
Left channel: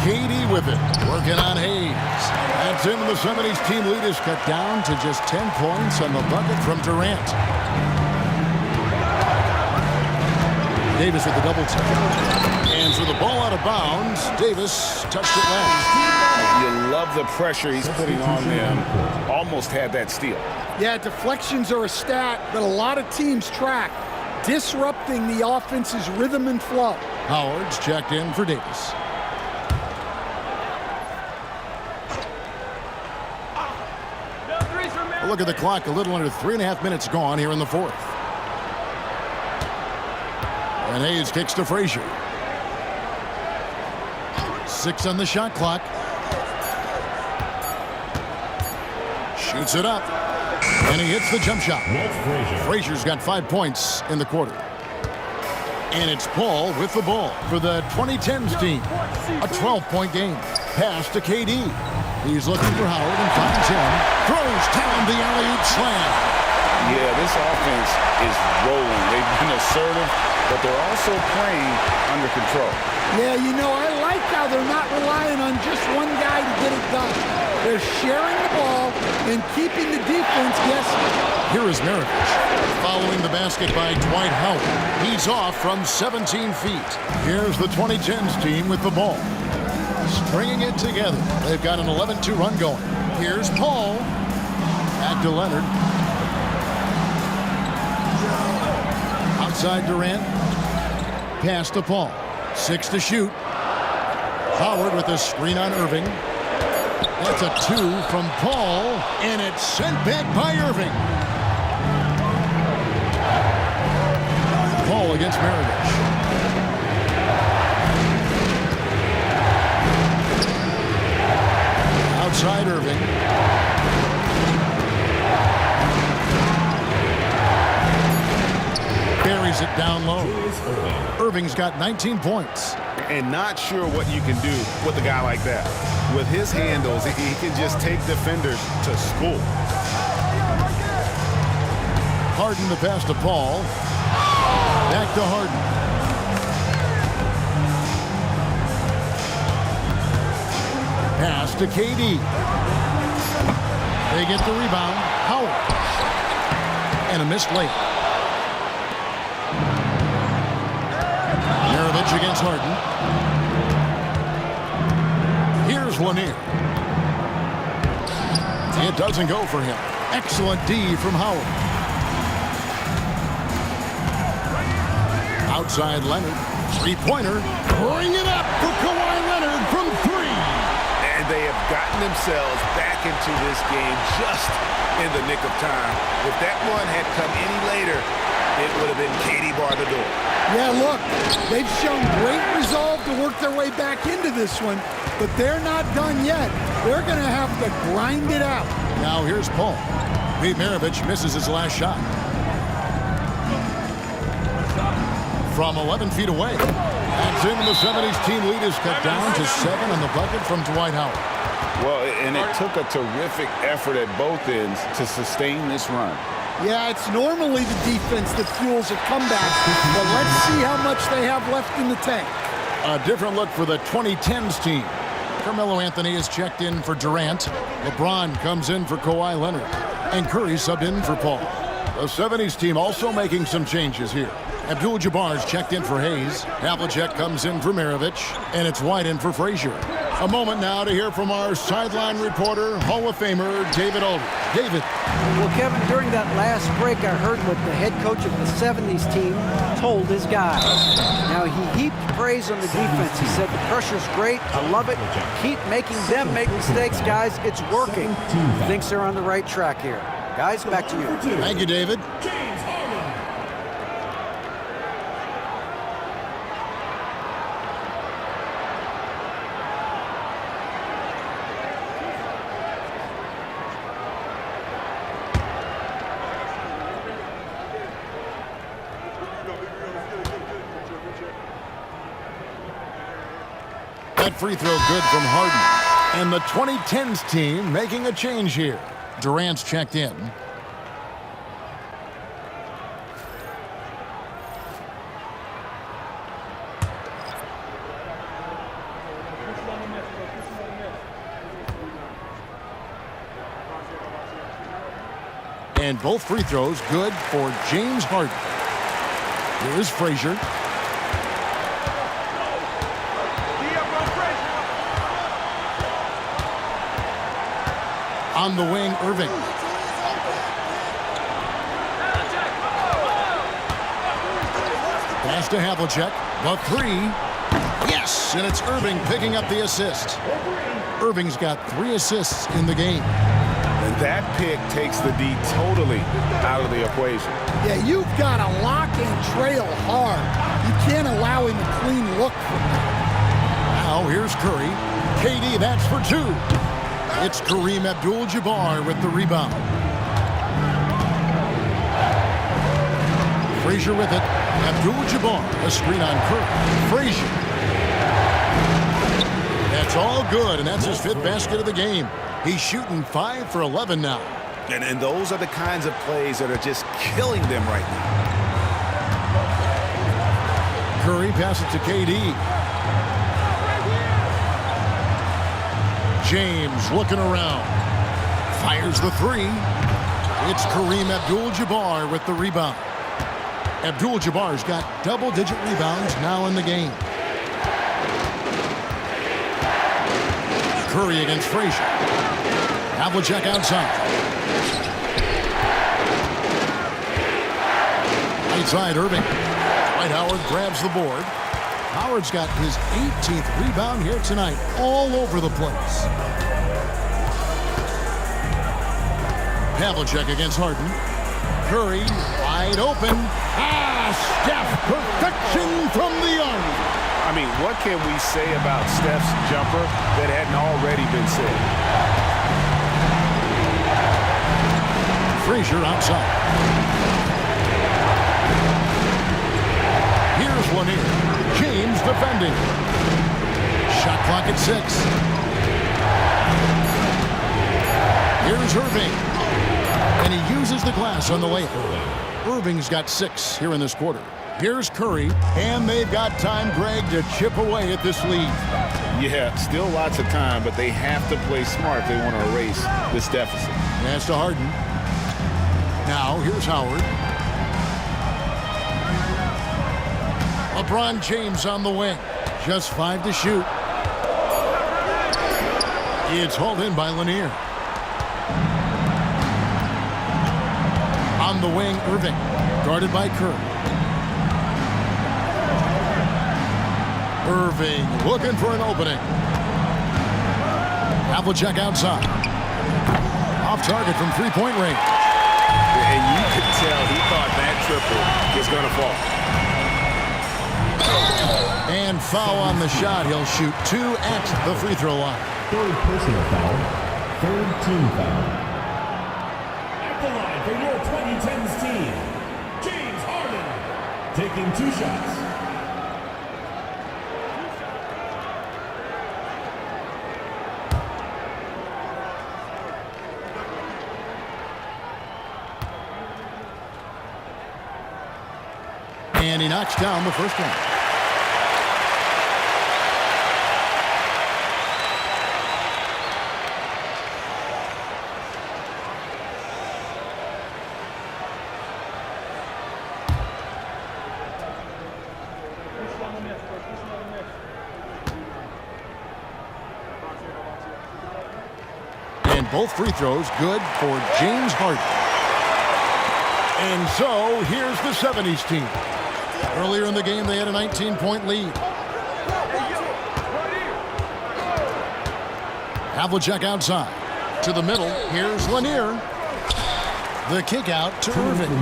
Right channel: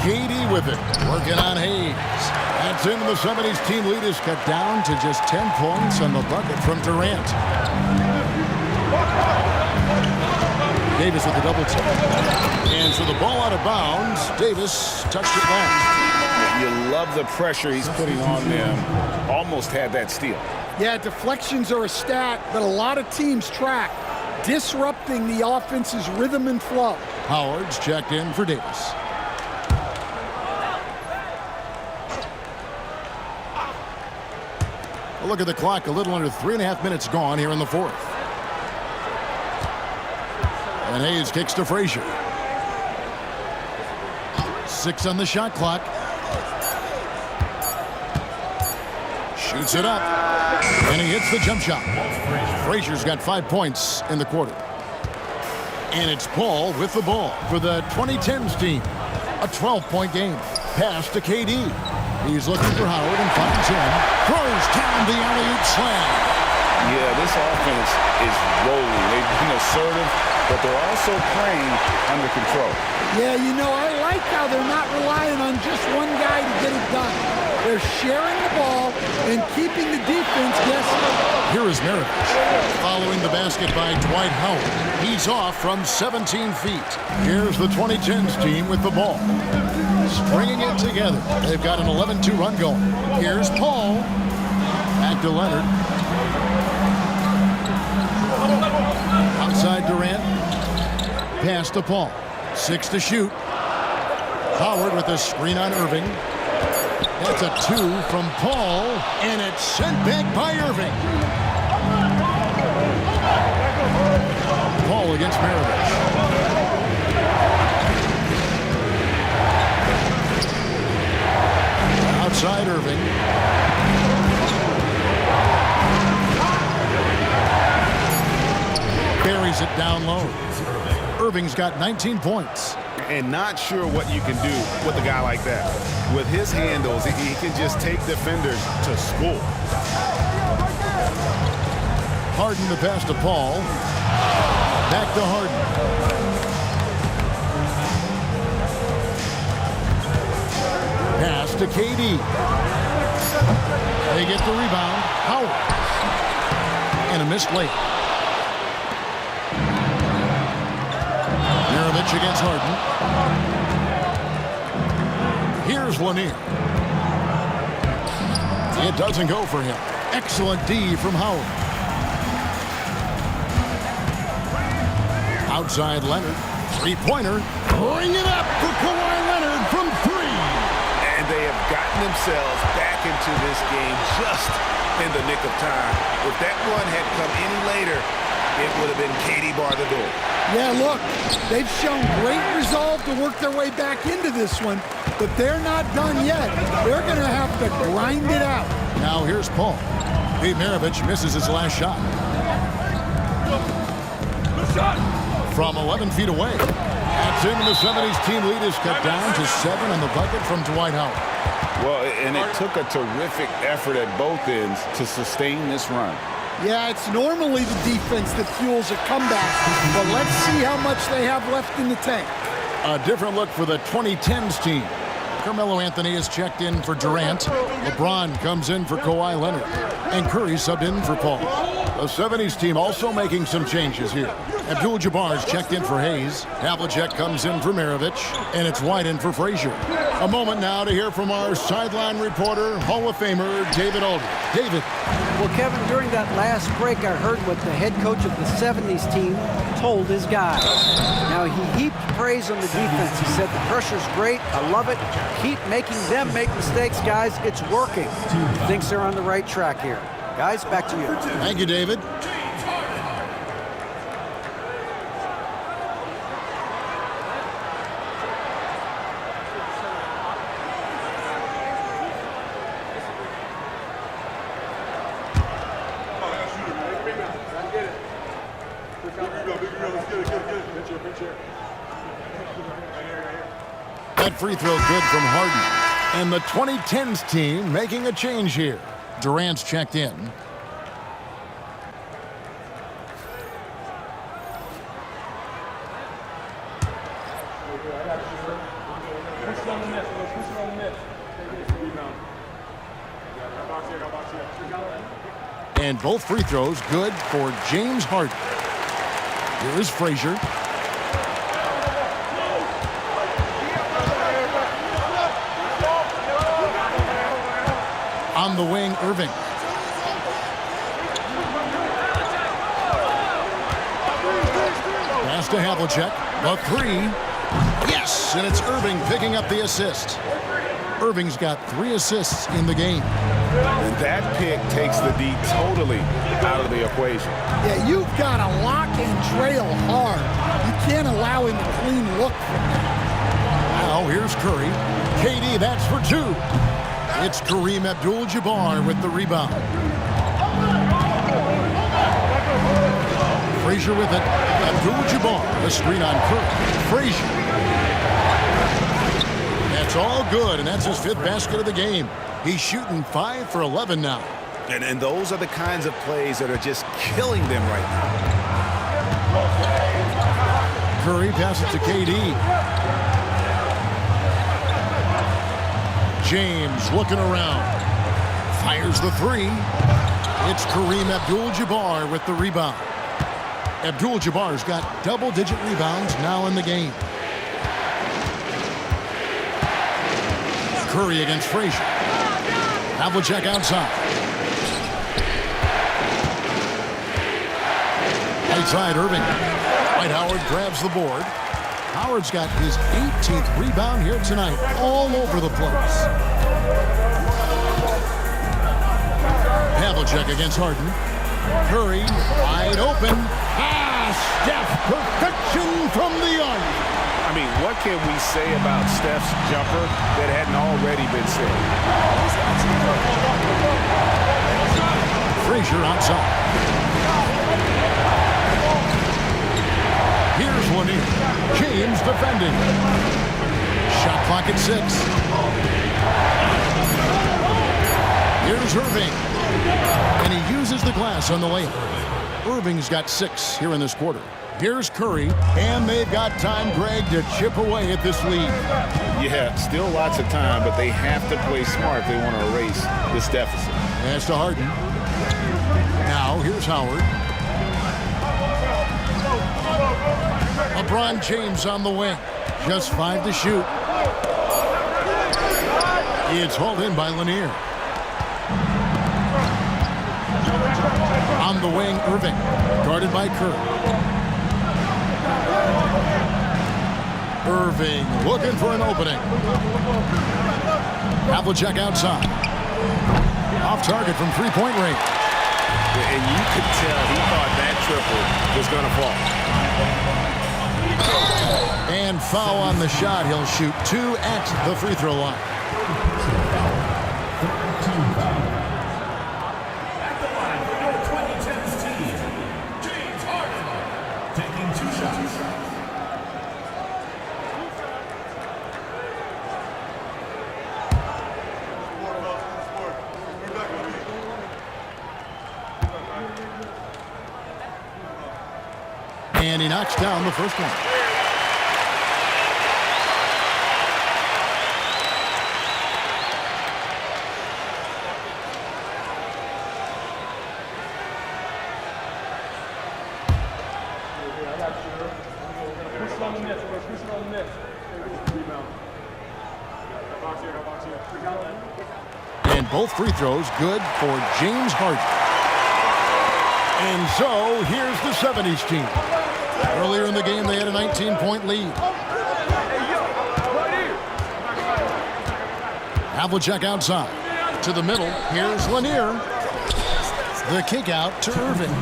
KD with it, working on Hayes. That's him. The 70's team lead is cut down to just 10 points on the bucket from Durant. Davis with the double team. And for the ball out of bounds, Davis touched it last. You love the pressure he's putting on them. Almost had that steal. Yeah, deflections are a stat that a lot of teams track, disrupting the offense's rhythm and flow. Howard's checked in for Davis. A look at the clock, a little under 3.5 minutes gone here in the fourth. And Hayes kicks to Frazier. 6 on the shot clock. Shoots it up. And he hits the jump shot. Frazier's got 5 points in the quarter. And it's Paul with the ball for the 2010's team. A 12-point game. Pass to KD. He's looking for Howard and finds him. Throws down the alley-oop slam. Yeah, this offense is rolling. They've been assertive, but they're also playing under control. Yeah, you know, I like how they're not relying on just one guy to get it done. They're sharing the ball and keeping the defense guessing. Here is Maravich. Following the basket by Dwight Howard. He's off from 17 feet. Here's the 2010's team with the ball. Stringing it together. They've got an 11-2 run going. Here's Paul. Back to Leonard. Outside Durant. Pass to Paul. 6 to shoot. Howard with a screen on Irving. That's a 2 from Paul. And it's sent back by Irving. Paul against Maravich. Outside Irving. Buries it down low. Irving's got 19 points. And not sure what you can do with a guy like that. With his handles, he can just take defenders to school. Harden the pass to Paul. Back to Harden. Pass to KD. They get the rebound. Howard. And a missed layup. Maravich against Harden. Here's Lanier. It doesn't go for him. Excellent D from Howard. Outside Leonard. Three-pointer. Bring it up for Kawhi Leonard from three. And they have gotten themselves back into this game just in the nick of time. If that one had come any later, it would have been KD bar the door. Yeah, look, they've shown great resolve to work their way back into this one, but they're not done yet. They're going to have to grind it out. Now here's Paul. Pete Maravich misses his last shot. From 11 feet away. That's in. The 70's team lead is cut down to 7 on the bucket from Dwight Howard. Well, and it took a terrific effort at both ends to sustain this run. Yeah, it's normally the defense that fuels a comeback, but let's see how much they have left in the tank. A different look for the 2010's team. Carmelo Anthony is checked in for Durant. LeBron comes in for Kawhi Leonard. And Curry subbed in for Paul. The 70's team also making some changes here. Abdul-Jabbar's checked in for Hayes. Havlicek comes in for Maravich. And it's White in for Frazier. A moment now to hear from our sideline reporter, Hall of Famer David Aldridge. David. Well, Kevin, during that last break, I heard what the head coach of the 70's team told his guys. Now, he heaped praise on the defense. He said, the pressure's great. I love it. Keep making them make mistakes, guys. It's working. He thinks they're on the right track here. Guys, back to you. Thank you, David. That free throw good from Harden. And the 2010's team making a change here. Durant's checked in. And both free throws good for James Harden. Here is Frazier. On the wing, Irving. Pass to Havlicek. The three. Yes, and it's Irving picking up the assist. Irving's got 3 assists in the game. And that pick takes the D totally out of the equation. Yeah, you've got to lock and trail hard. You can't allow him a clean look from that. Now here's Curry. KD, that's for 2. It's Kareem Abdul-Jabbar with the rebound. Frazier with it. Abdul-Jabbar, a screen on Curry. Frazier. That's all good, and that's his 5th basket of the game. He's shooting 5 for 11 now. And those are the kinds of plays that are just killing them right now. Curry passes to KD. James looking around. Fires the 3. It's Kareem Abdul-Jabbar with the rebound. Abdul-Jabbar's got double-digit rebounds now in the game. Curry against Frazier. Havlicek outside. Right side, Irving. Dwight Howard grabs the board. Howard's got his 18th rebound here tonight, all over the place. Havlicek against Harden. Curry wide open. Steph, perfection from the iron. I mean, what can we say about Steph's jumper that hadn't already been said? Frazier outside. Here's Lanier. James defending. Shot clock at 6. Here's Irving. And he uses the glass on the layup. Irving's got 6 here in this quarter. Here's Curry, and they've got time, Greg, to chip away at this lead. Yeah, still lots of time, but they have to play smart if they want to erase this deficit. Pass to Harden. Now, here's Howard. LeBron James on the wing. Just 5 to shoot. It's hauled in by Lanier. On the wing, Irving. Guarded by Kerr. Irving looking for an opening. Havlicek outside. Off target from three-point range. And you could tell he thought that triple was going to fall. And foul on the shot. He'll shoot 2 at the free throw line. Third personal foul. Third team foul. At the line for your 2010's team, James Harden. Taking 2 shots. And he knocks down the first one. And both free throws good for James Harden. And so here's the 70's team. Earlier in the game, they had a 19-point lead. Havlicek outside. To the middle, here's Lanier. The kick out to Irving.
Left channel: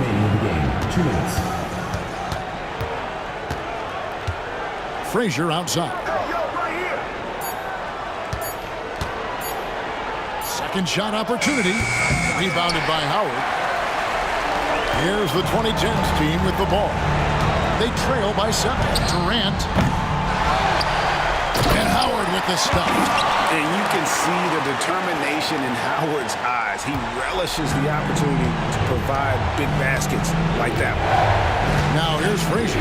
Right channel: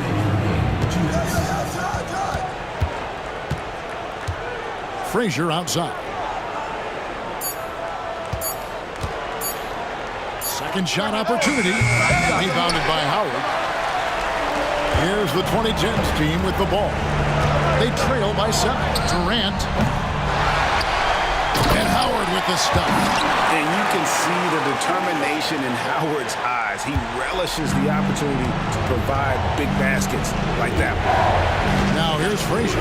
Frazier outside. Second shot opportunity. Rebounded by Howard. Here's the 2010's team with the ball. They trail by 7. Durant. And Howard with the stuff. And you can see the determination in Howard's eyes. He relishes the opportunity to provide big baskets like that one. Now here's Frazier.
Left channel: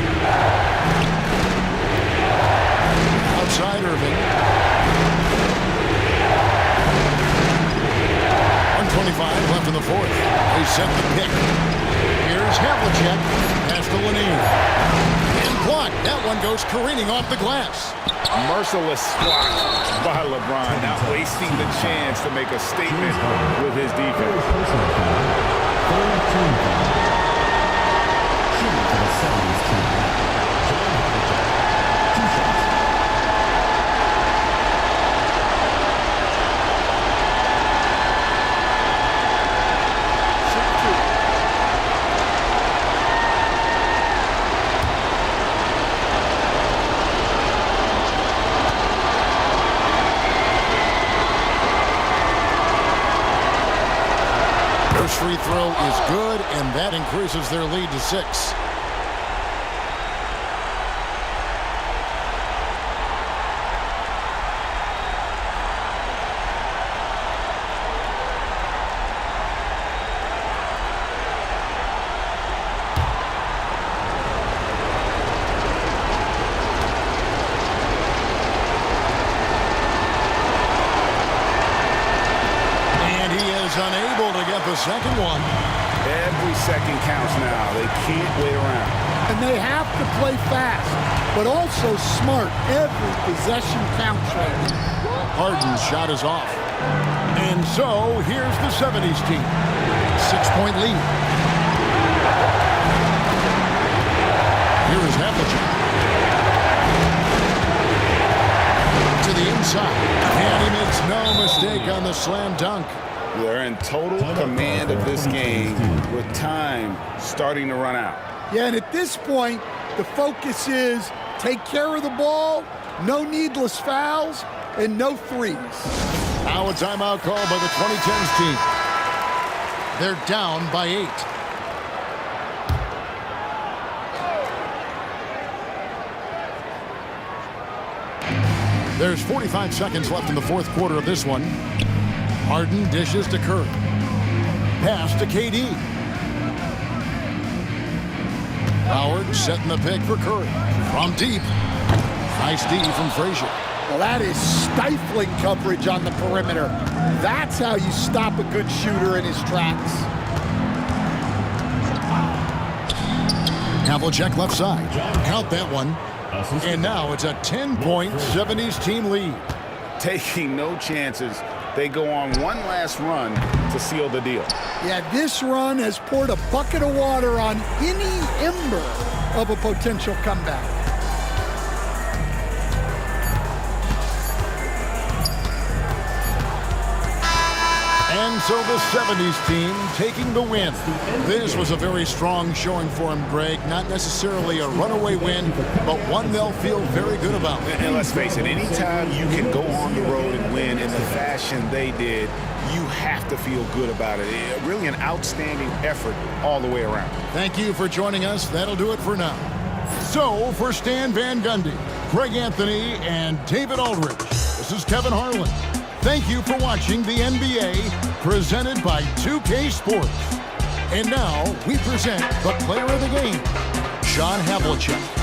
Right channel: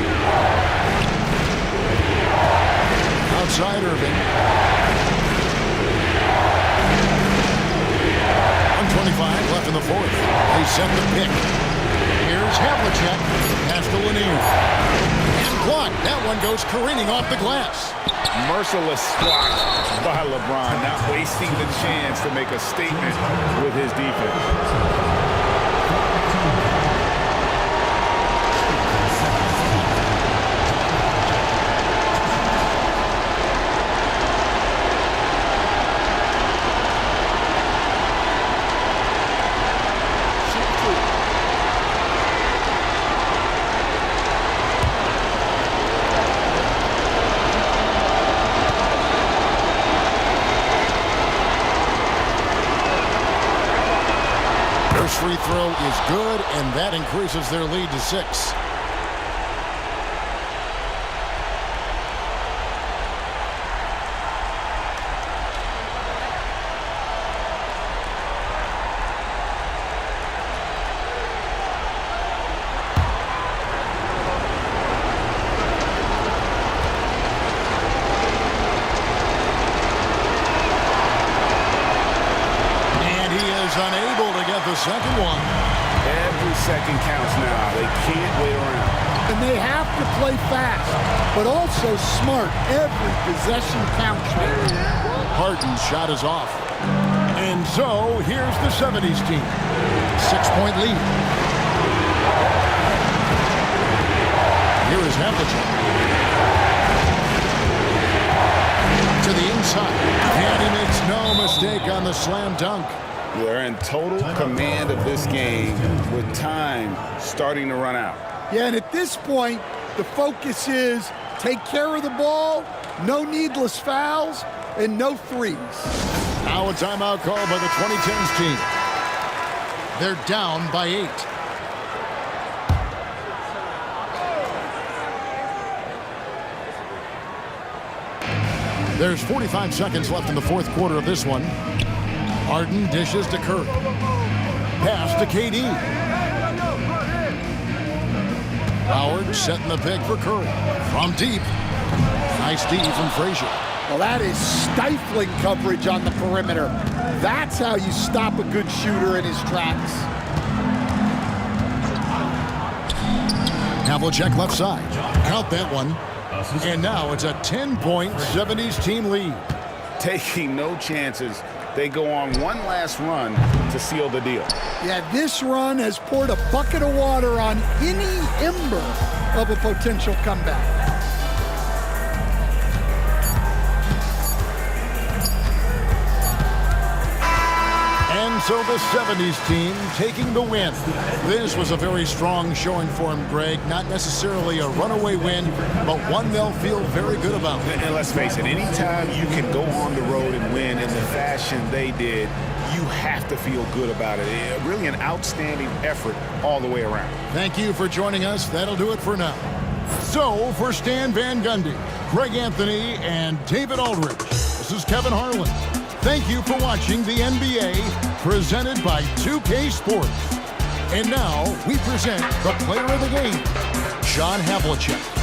Outside Irving. 1:25 left in the fourth. They set the pick. Here's Havlicek. Pass to Lanier. And blocked. That one goes careening off the glass. Merciless swat by LeBron, not wasting the chance to make a statement with his defense. First free throw is good, and that increases their lead to 6. Unable to get the second one. Every second counts now. They can't wait around. And they have to play fast, but also smart. Every possession counts right now. Harden's shot is off. And so here's the 70's team. 6-point lead. Here is Havlicek. To the inside. And he makes no mistake on the slam dunk. They're in total command of this game with time starting to run out. Yeah, and at this point, the focus is take care of the ball, no needless fouls, and no threes. Now a timeout call by the 2010's team. They're down by 8. There's 45 seconds left in the fourth quarter of this one. Harden dishes to Kerr. Pass to KD. Howard setting the pick for Curry. From deep. Nice D from Frazier. Well, that is stifling coverage on the perimeter. That's how you stop a good shooter in his tracks. Havlicek left side. Count that one. And now it's a 10-point 70s team lead. Taking no chances. They go on one last run to seal the deal. Yeah, this run has poured a bucket of water on any ember of a potential comeback. And so the 70s team taking the win. This was a very strong showing for him, Greg. Not necessarily a runaway win, but one they'll feel very good about. And let's face it, anytime you can go on the road and win in the fashion they did, you have to feel good about it. Really an outstanding effort all the way around. Thank you for joining us. That'll do it for now. So for Stan Van Gundy, Greg Anthony, and David Aldridge, this is Kevin Harlan. Thank you for watching the NBA presented by 2K Sports. And now we present the player of the game, John Havlicek.